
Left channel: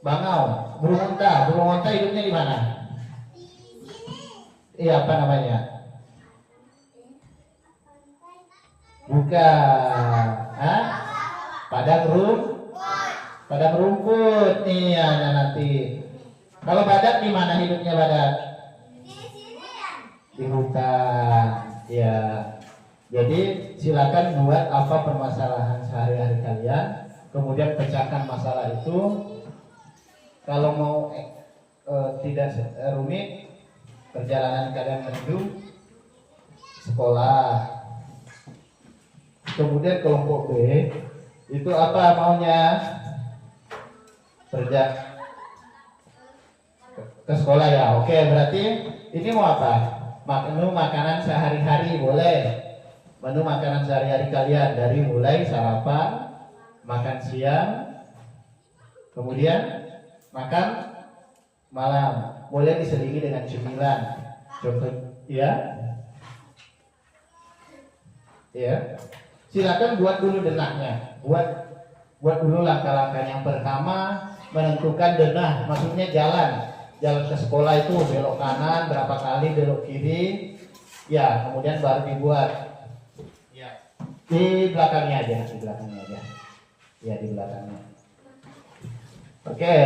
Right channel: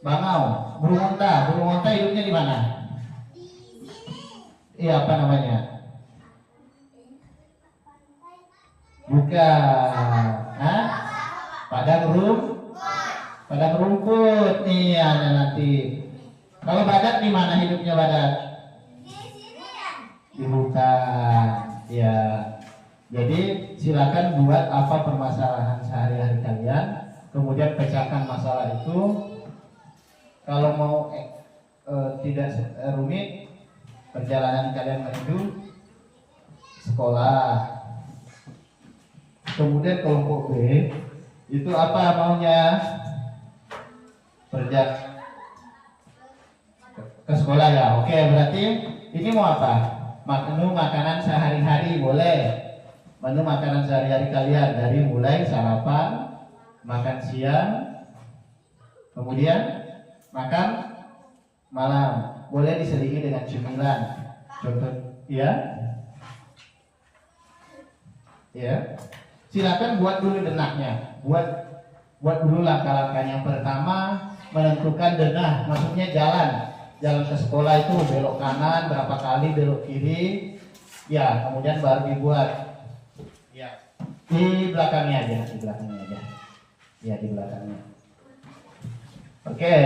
Bangau, burung unta hidupnya di mana? Iya, apa namanya? Bukan. Hah? Padang rumput nih ada nanti. Kalau badak di mana hidupnya badak? Di hutan. Ya. Jadi silakan buat apa permasalahan sehari-hari kalian, kemudian pecahkan masalah itu. Kalau mau tidak rumit, perjalanan kalian menuju sekolah. Kemudian kelompok B itu apa maunya? Ke sekolah ya. Oke, berarti ini mau apa? Menu makanan sehari-hari boleh. Menu makanan sehari-hari kalian dari mulai sarapan, makan siang, kemudian makan malam. Boleh diselingi dengan cemilan. Contoh, ya. Ya. Silakan buat dulu denahnya. Buat dulu langkah-langkah. Yang pertama menentukan denah, maksudnya jalan ke sekolah itu belok kanan berapa kali, belok kiri. Ya, kemudian baru dibuat. Ya. Di belakangnya aja. Ya, di belakangnya. Oke.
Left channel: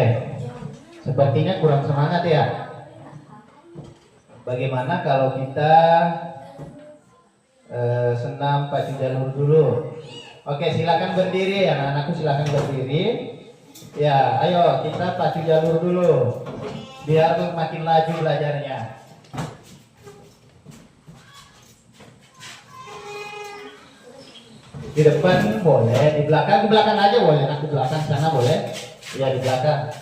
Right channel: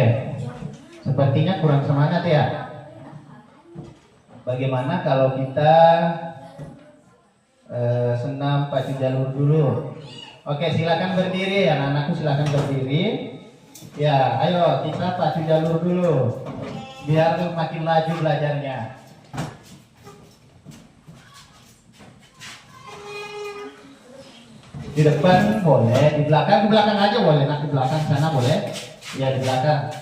Sepertinya kurang semangat ya. Bagaimana kalau kita senam pacu jalur dulu? Oke, silakan berdiri ya, anak-anakku, silakan berdiri. Ya, ayo kita pacu jalur dulu, biar makin laju belajarnya. Di depan boleh, di belakang aja boleh, nanti belakang sana boleh. Ya, di belakang.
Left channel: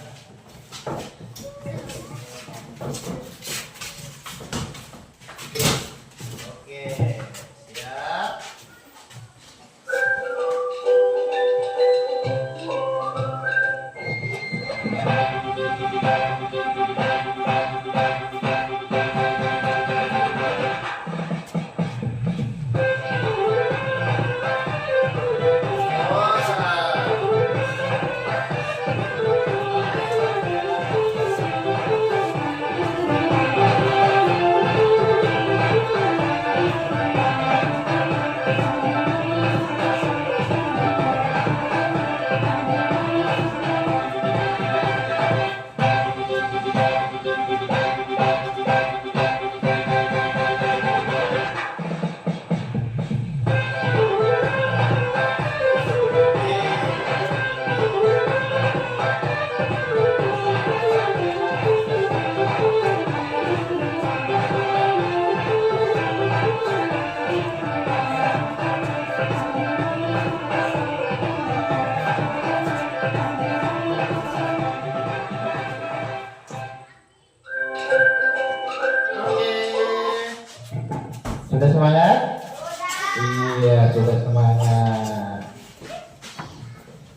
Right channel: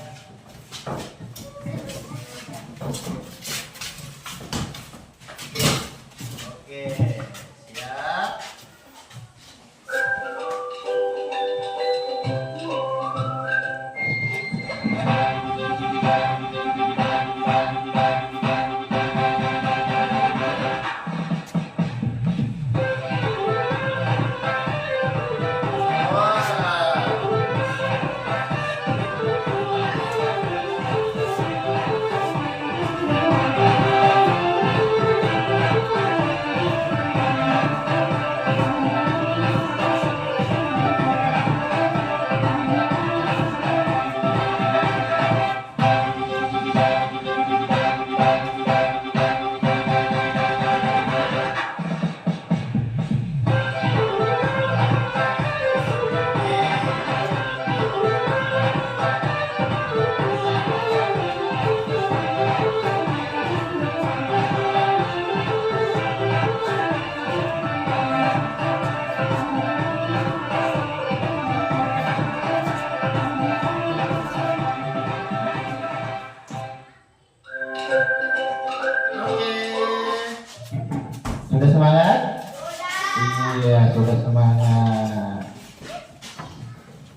Ya, sudah semangat.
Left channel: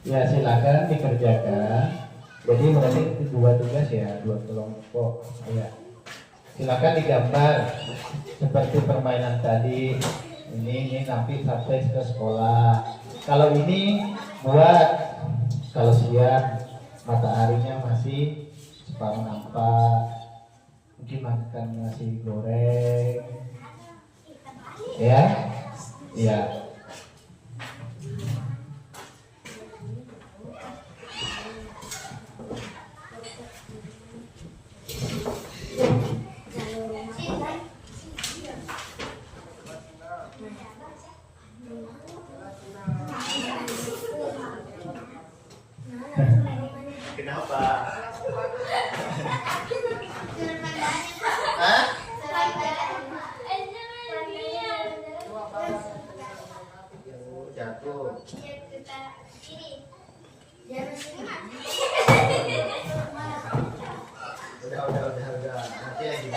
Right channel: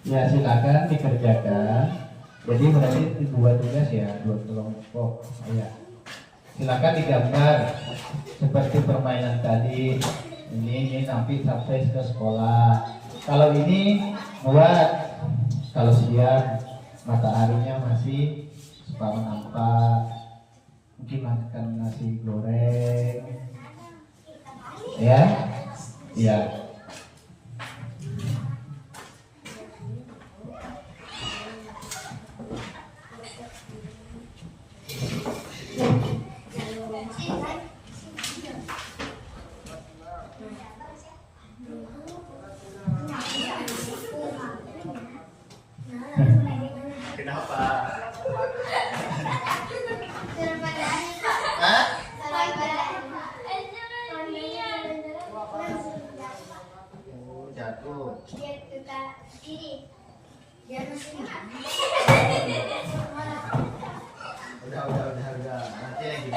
Ya, silakan dikerjakan. Jadi berarti dua tugas ya, dua kelompok. Ya. Silakan digambar seperti permainan tadi. Ini nanti sampai ke sekolah. Kalau ini buat kalau siang mataharinya masih separuh nampak, mungkin makan nasi goreng, ya, ya. Kenapa? Hah? Oh, jatuh. Udah. Nanti lagi.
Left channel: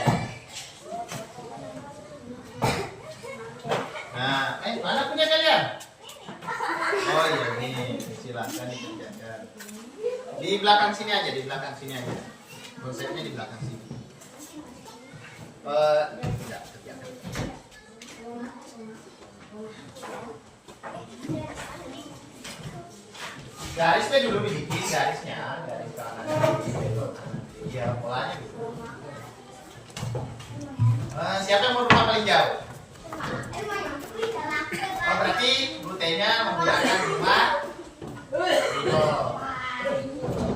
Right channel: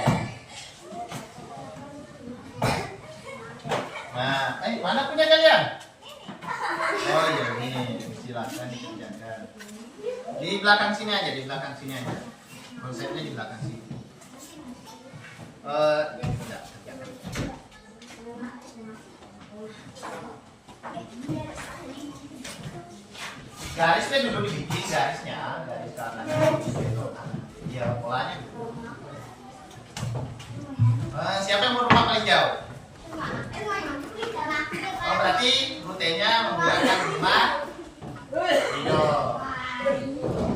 Nah, mana punya kalian? Oh iya ini, silakan dikerjakan. Di belakang sini aja, di belakang sini aja. Konsepnya di belakang sini. Ya, kerjakan. Garisnya dulu dibikin, garisnya, garis kanan, garis belok kanan. Iya, polanya gitu. Siapa yang mau rumah paling jauh? Oh, berarti rutenya menggunakan rumah Rido.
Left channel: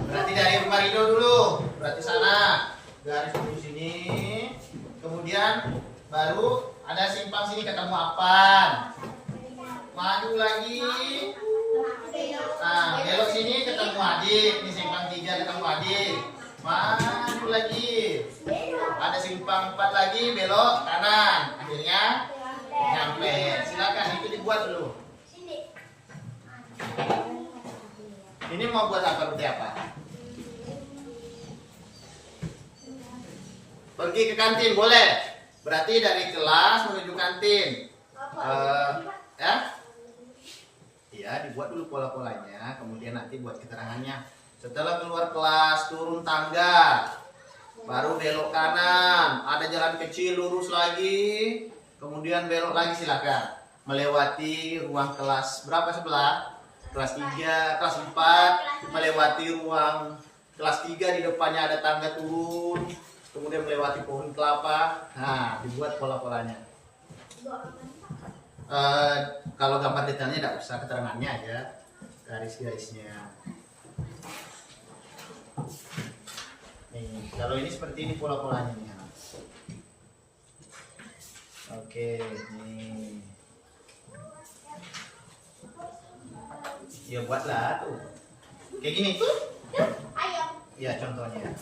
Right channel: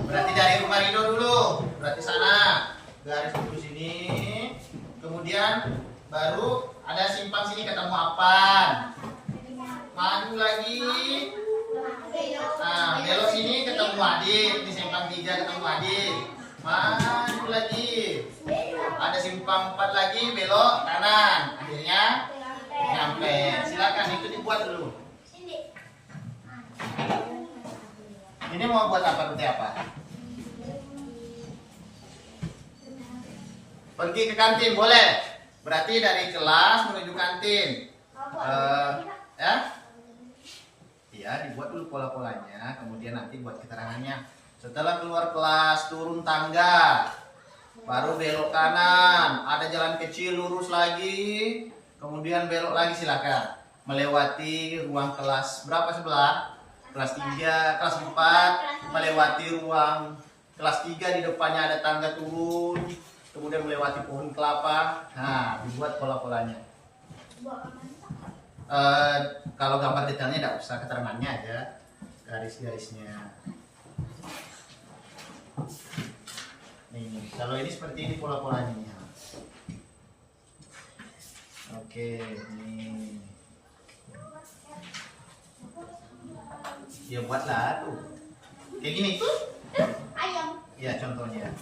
Berarti dari rumah Rido dulu. Berarti sana garis dulu sini. Kemudian baru ada simpang sini ketemu apaan. Maju lagi. Nah, belok sini ketemu Adik. Ini simpang 3 ketemu Adik. Maju lagi. Ada simpang 4 lagi belok kanan. Akhirnya nyampe. Silakan itu dibuat dulu. Ini mau buat apa, rute apa? Pergi ke kantin boleh. Berarti dari kelas menuju kantin. Ya? Iya, dibuat dulu pola-polanya, kemudian nanti buat keterangannya. Setelah keluar kelas, turun tangga, baru belok kanan, ada jalan kecil lurus lagi, kemudian belok lagi silakan. Melewati ruang kelas berapa sebelah? Kelas 3, kelas 4, melewati ruang kelas 3, di depannya ada tangga turun, kemudian melewati pohon kelapa. Nah, dibuat pola-polanya. Kalau gambar detailnya tidak usah, keterangannya aja, garis-garisnya. Nih, kalau ini seperti ini pola-polanya nih. Oke, nih. Ya buatlah tuh. Kayak gini. Ya contohnya.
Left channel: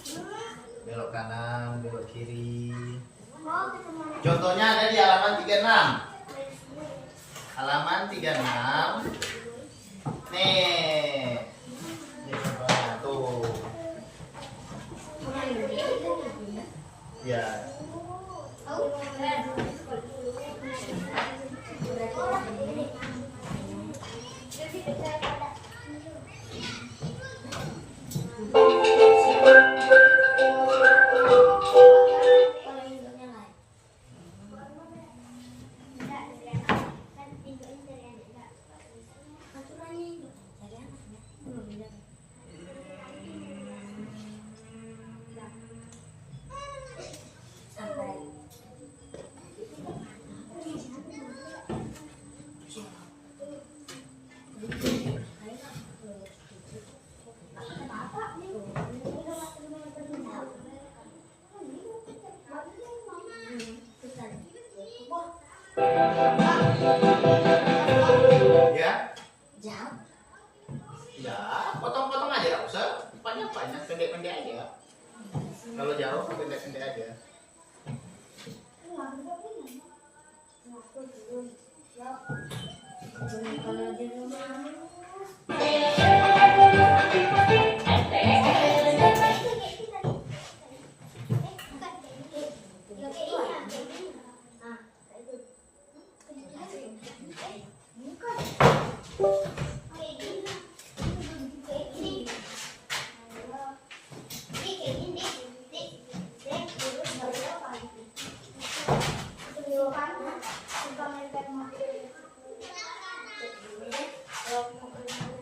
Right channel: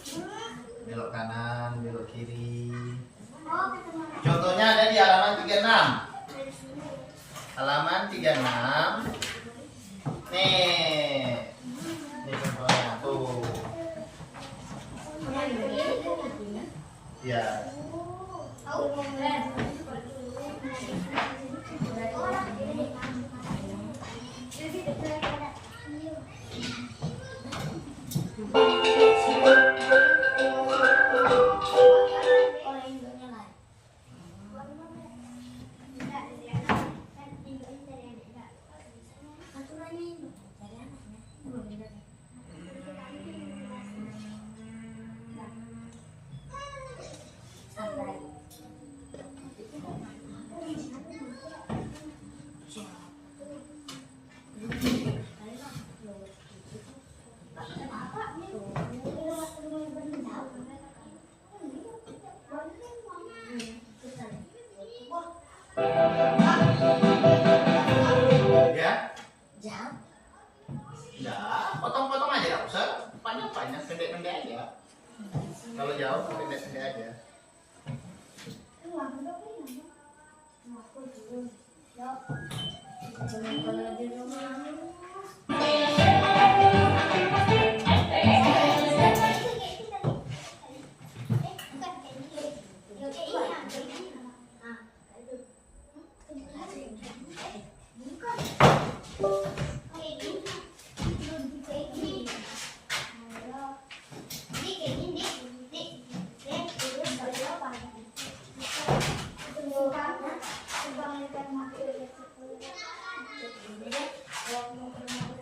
Belok kanan, belok kiri. Contohnya ada di halaman 36. Halaman 36. Nih. Ini contohnya tuh. Ya. Ya, potong-potong aja, nggak usah panjang-panjang, pendek-pendek aja. Kalau jauh, pendek-pendek aja.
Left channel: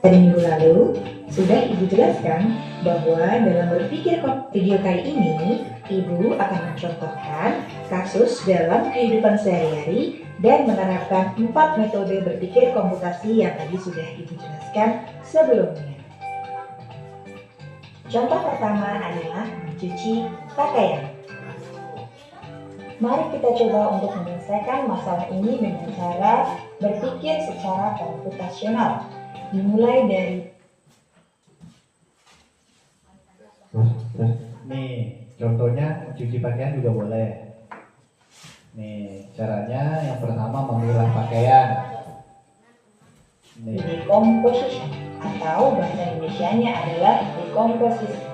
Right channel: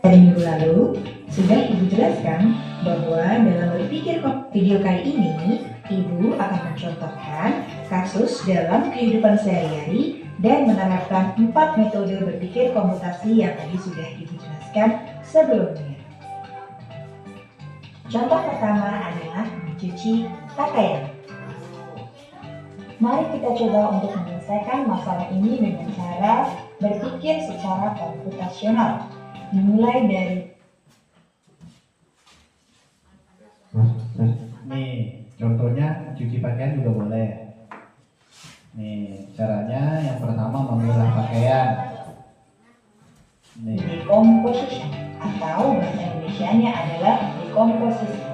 Pada minggu lalu, sudah Ibu jelaskan bahwa dalam berpikir video kali ini, Ibu akan mencontohkan kasus dalam kehidupan sehari-hari dan menerapkan 4 metode berpikir komputasi yang tadi sudah Ibu jelaskan sebelumnya. Contoh pertama adalah mencuci pakaian. Mari kita coba untuk menyelesaikan masalah ini dengan cara berpikir secara komputasional. Dimulai dari nih, contohnya cuci pakaian juga boleh. Nih, caranya yang pertama memilah pakaian. Nih, decomposition atau bahasa Indonesianya adalah dekomposisi.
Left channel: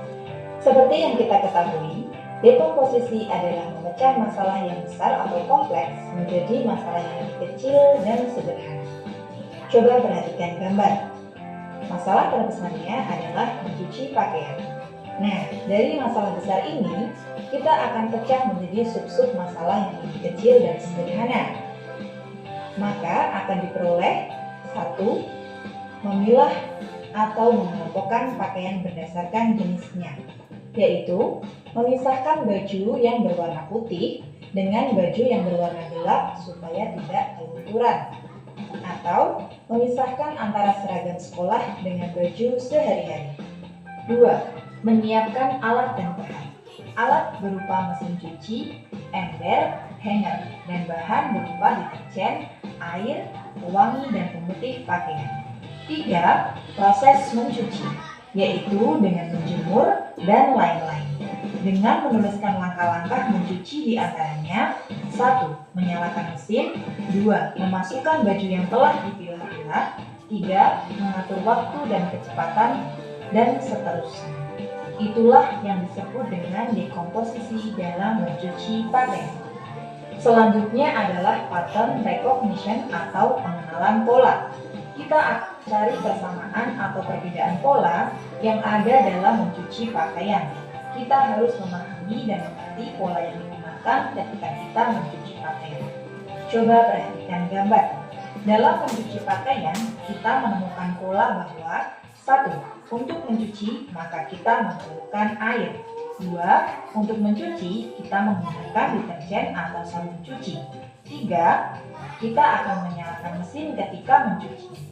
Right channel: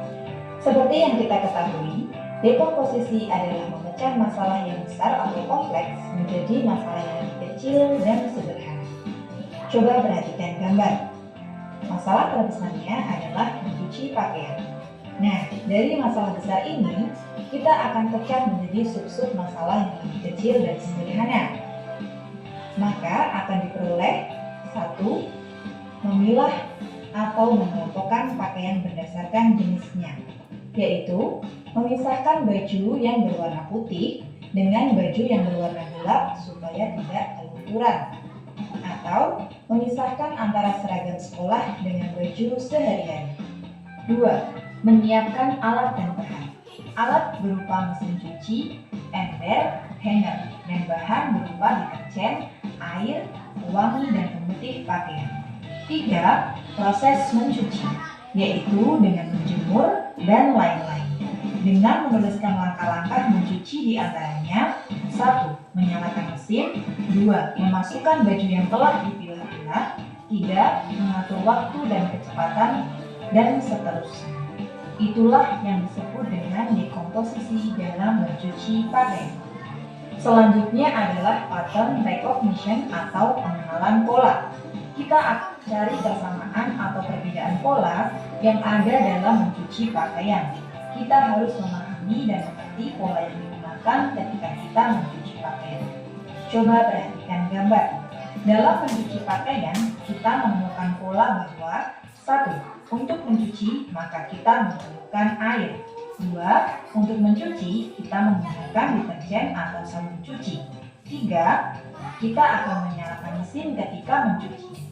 Seperti yang kita ketahui, dekomposisi adalah memecah masalah yang besar atau kompleks menjadi masalah yang kecil dan sederhana. Coba perhatikan gambar. Masalah terbesarnya adalah mencuci pakaian. Nah, dari masalah besar ini, kita akan pecah menjadi sub-sub masalah yang lebih kecil dan sederhana. Maka akan diperoleh 1. Memilah atau mengelompokkan pakaian berdasarkan jenisnya, yaitu memisahkan baju yang berwarna putih dengan baju yang berwarna gelap supaya tidak kelunturan, atau memisahkan antara seragam sekolah dengan baju sehari-hari. 2. Menyiapkan alat dan bahan. Alat berupa mesin cuci, ember, hanger, dan bahan berupa deterjen, air, pewangi, dan pemutih pakaian. 3. Proses mencuci, yaitu dengan menjemur dan lain-lain. Dengan menuliskan langkah-langkah mencuci di antaranya: 1. Menyalakan mesin. 2. Memasukkan baju yang telah dipilah-pilah. 3. Mengatur waktu dan kecepatan, dan seterusnya. Itulah yang disebut dengan dekomposisi dalam mencuci pakaian. Selanjutnya adalah pattern recognition atau pengenalan pola. Kita akan cari persamaan atau perbedaan pola yang ada dalam mencuci pakaian. Kita harus memahami dan mengerti pola yang digunakan ketika kita mencuci pakaian. Coba perhatikan gambar. Dalam mencuci pakaian, kita menemukan pola bahwa 1. Untuk mencuci, maka kita memerlukan air. 2. Untuk mencuci, kita menggunakan deterjen atau sabun cuci. 3. Kita akan menyalakan mesin ketika mencuci.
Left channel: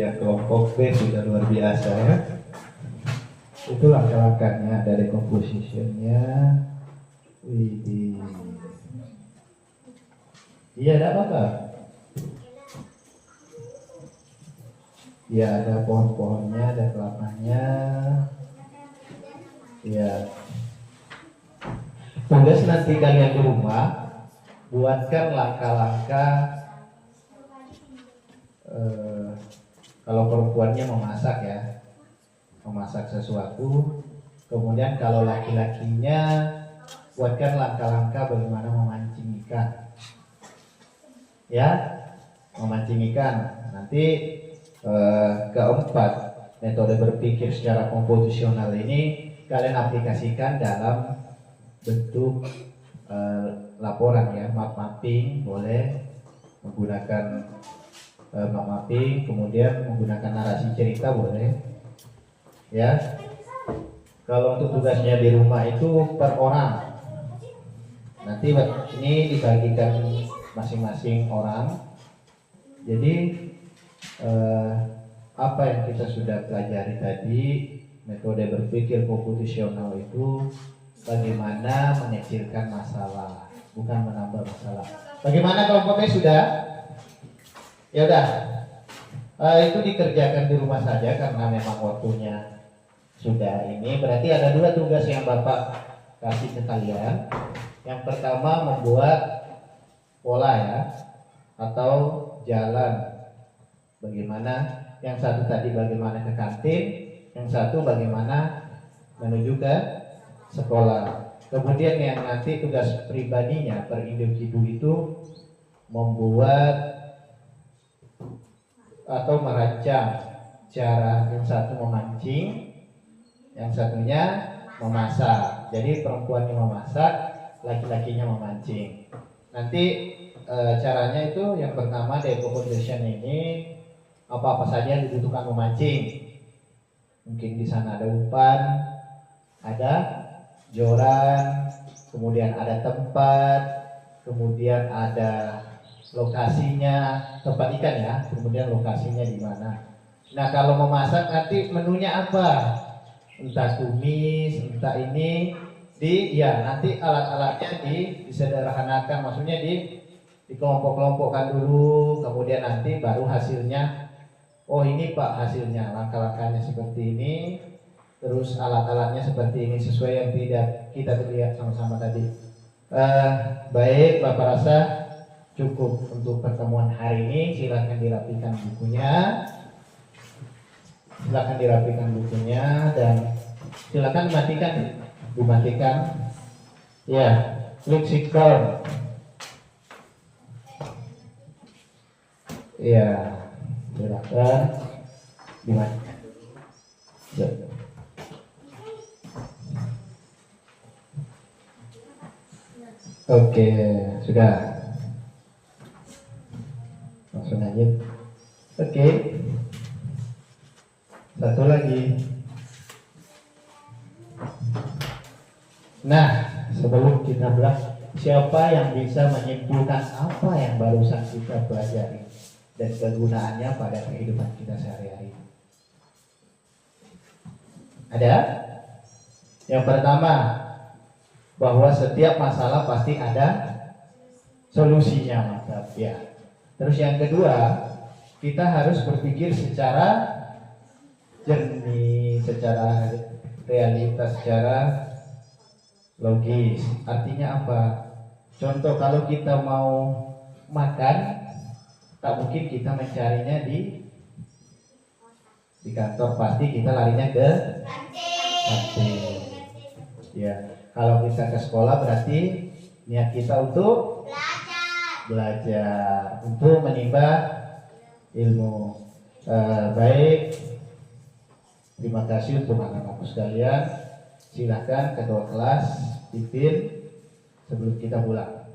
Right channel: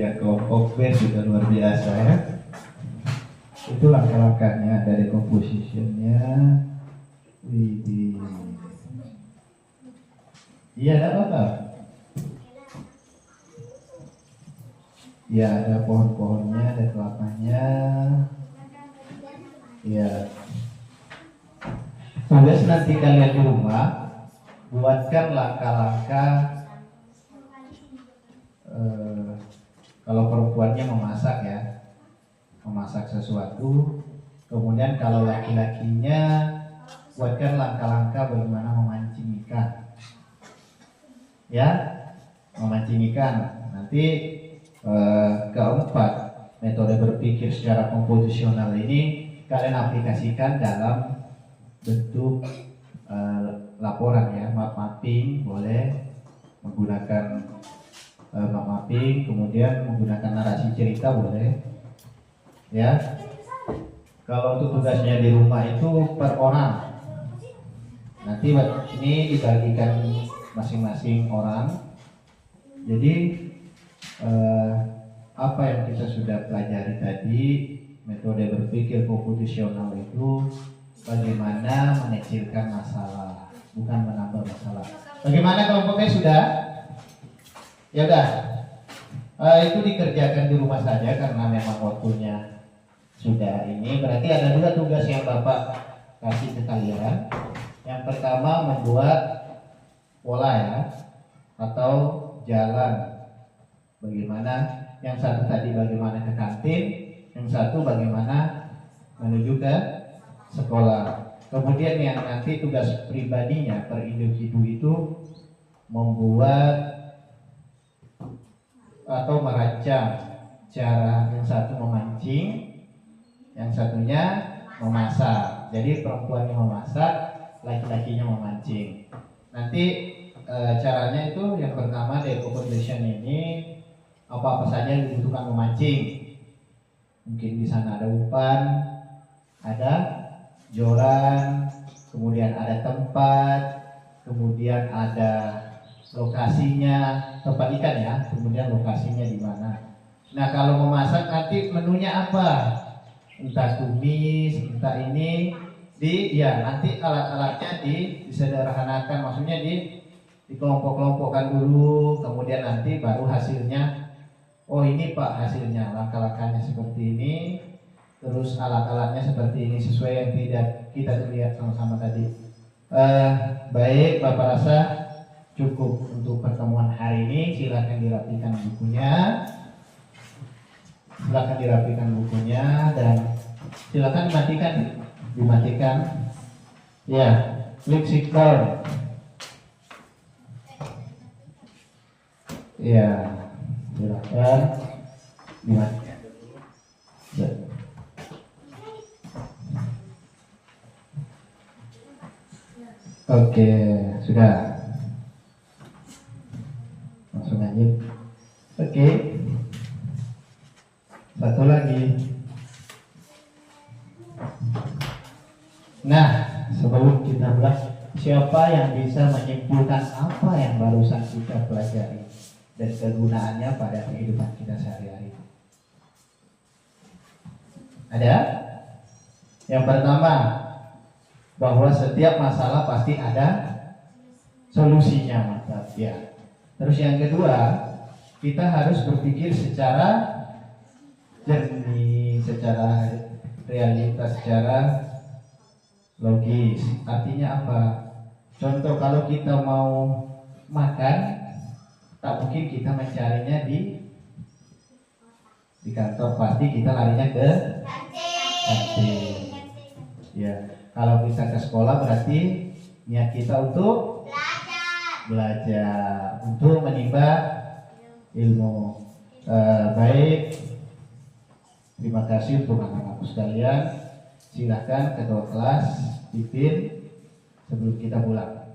iya, kelompok B sudah luar biasa ya. Itu langkah-langkahnya dari compositionnya. Widih. Iya, ada apa? Iya, ada pohon-pohonnya, ada kelapanya. Iya. Tugas nanti kalian di rumah, buatkan langkah-langkah. Kalau perempuannya memasak ya, memasak sesuatu. Kemudian kalau laki-lakinya, buatkan langkah-langkah bagaimana memancing ikan. Ya, memancing ikan. Nanti keempat, metode berpikir secara komposisional ini kalian aplikasikan dalam bentuk laporan ya, map mapping boleh menggunakan map mapping, kemudian menggunakan narasi cerita boleh ya. Kalau untuk tugasnya di rumah itu per orang, nanti ini dibagikan masing-masing orang. Jadi apa yang kita sudah pelajari tadi, metode berpikir komputasional itu bagaimana mengecilkan masalah, bukan menambah masalah. Bagaimana kelompoknya sudah? Ya udah, itu dikerjakan di rumah saja karena memang waktunya sudah ini. Berarti ada 2 tugas yang Bapak kasih ke kalian. Yang pertama membuat pola ya, atau jalan. Bagaimana? Yang satu tadi bagaimana ke kantin, yang satu bagaimana menuju ke sekolah. Kemudian yang nanti tugas pribadinya per individu itu membuat atau merancang cara yang satu memancing, yang satunya memasak. Jadi perempuan yang memasak, laki-lakinya memancing. Nanti caranya itu yang pertama depo condition ini apa-apa saja yang dibutuhkan memancing. Mungkin di sana ada umpan, ada joran, kemudian ada tempat, kemudian ada lokasinya, tempat ikan ya, kemudian lokasinya di mana. Nah kalau memasak nanti menunya apa? Entah tumis, entah ini nanti alat-alatnya disederhanakan, maksudnya dikelompok-kelompokkan dulu, kemudian nanti baru hasilnya. Oh ini Pak hasilnya, langkah-langkahnya seperti ini, terus alat-alatnya seperti ini sesuai yang tidak kita lihat sama-sama tadi. Baik, Bapak rasa cukup untuk pertemuan hari ini. Silakan dirapikan bukunya. Dan silakan dimatikan. Ya, klik sit down. Ya, silakan dimatikan. Ya. Oke, sudah. Langsung aja. Oke. Satu lagi. Nah, sebelum kita bahas, siapa yang bisa menyimpulkan apa yang barusan kita pelajari dan kegunaannya pada kehidupan kita sehari-hari? Ada? Yang pertama, bahwa setiap masalah pasti ada solusinya, mantap ya. Terus yang kedua, kita harus berpikir secara jernih, secara realitas, secara logis. Artinya apa? Contoh kalau kita mau makan, tak mungkin kita mencarinya di kantor, pasti kita larinya ke kantin. Ya, kalau kita ke sekolah berarti niat kita untuk belajar untuk menimba ilmu. Baik, terima kasih untuk anak-anak sekalian. Silakan ketua kelas pimpin sebelum kita pulang.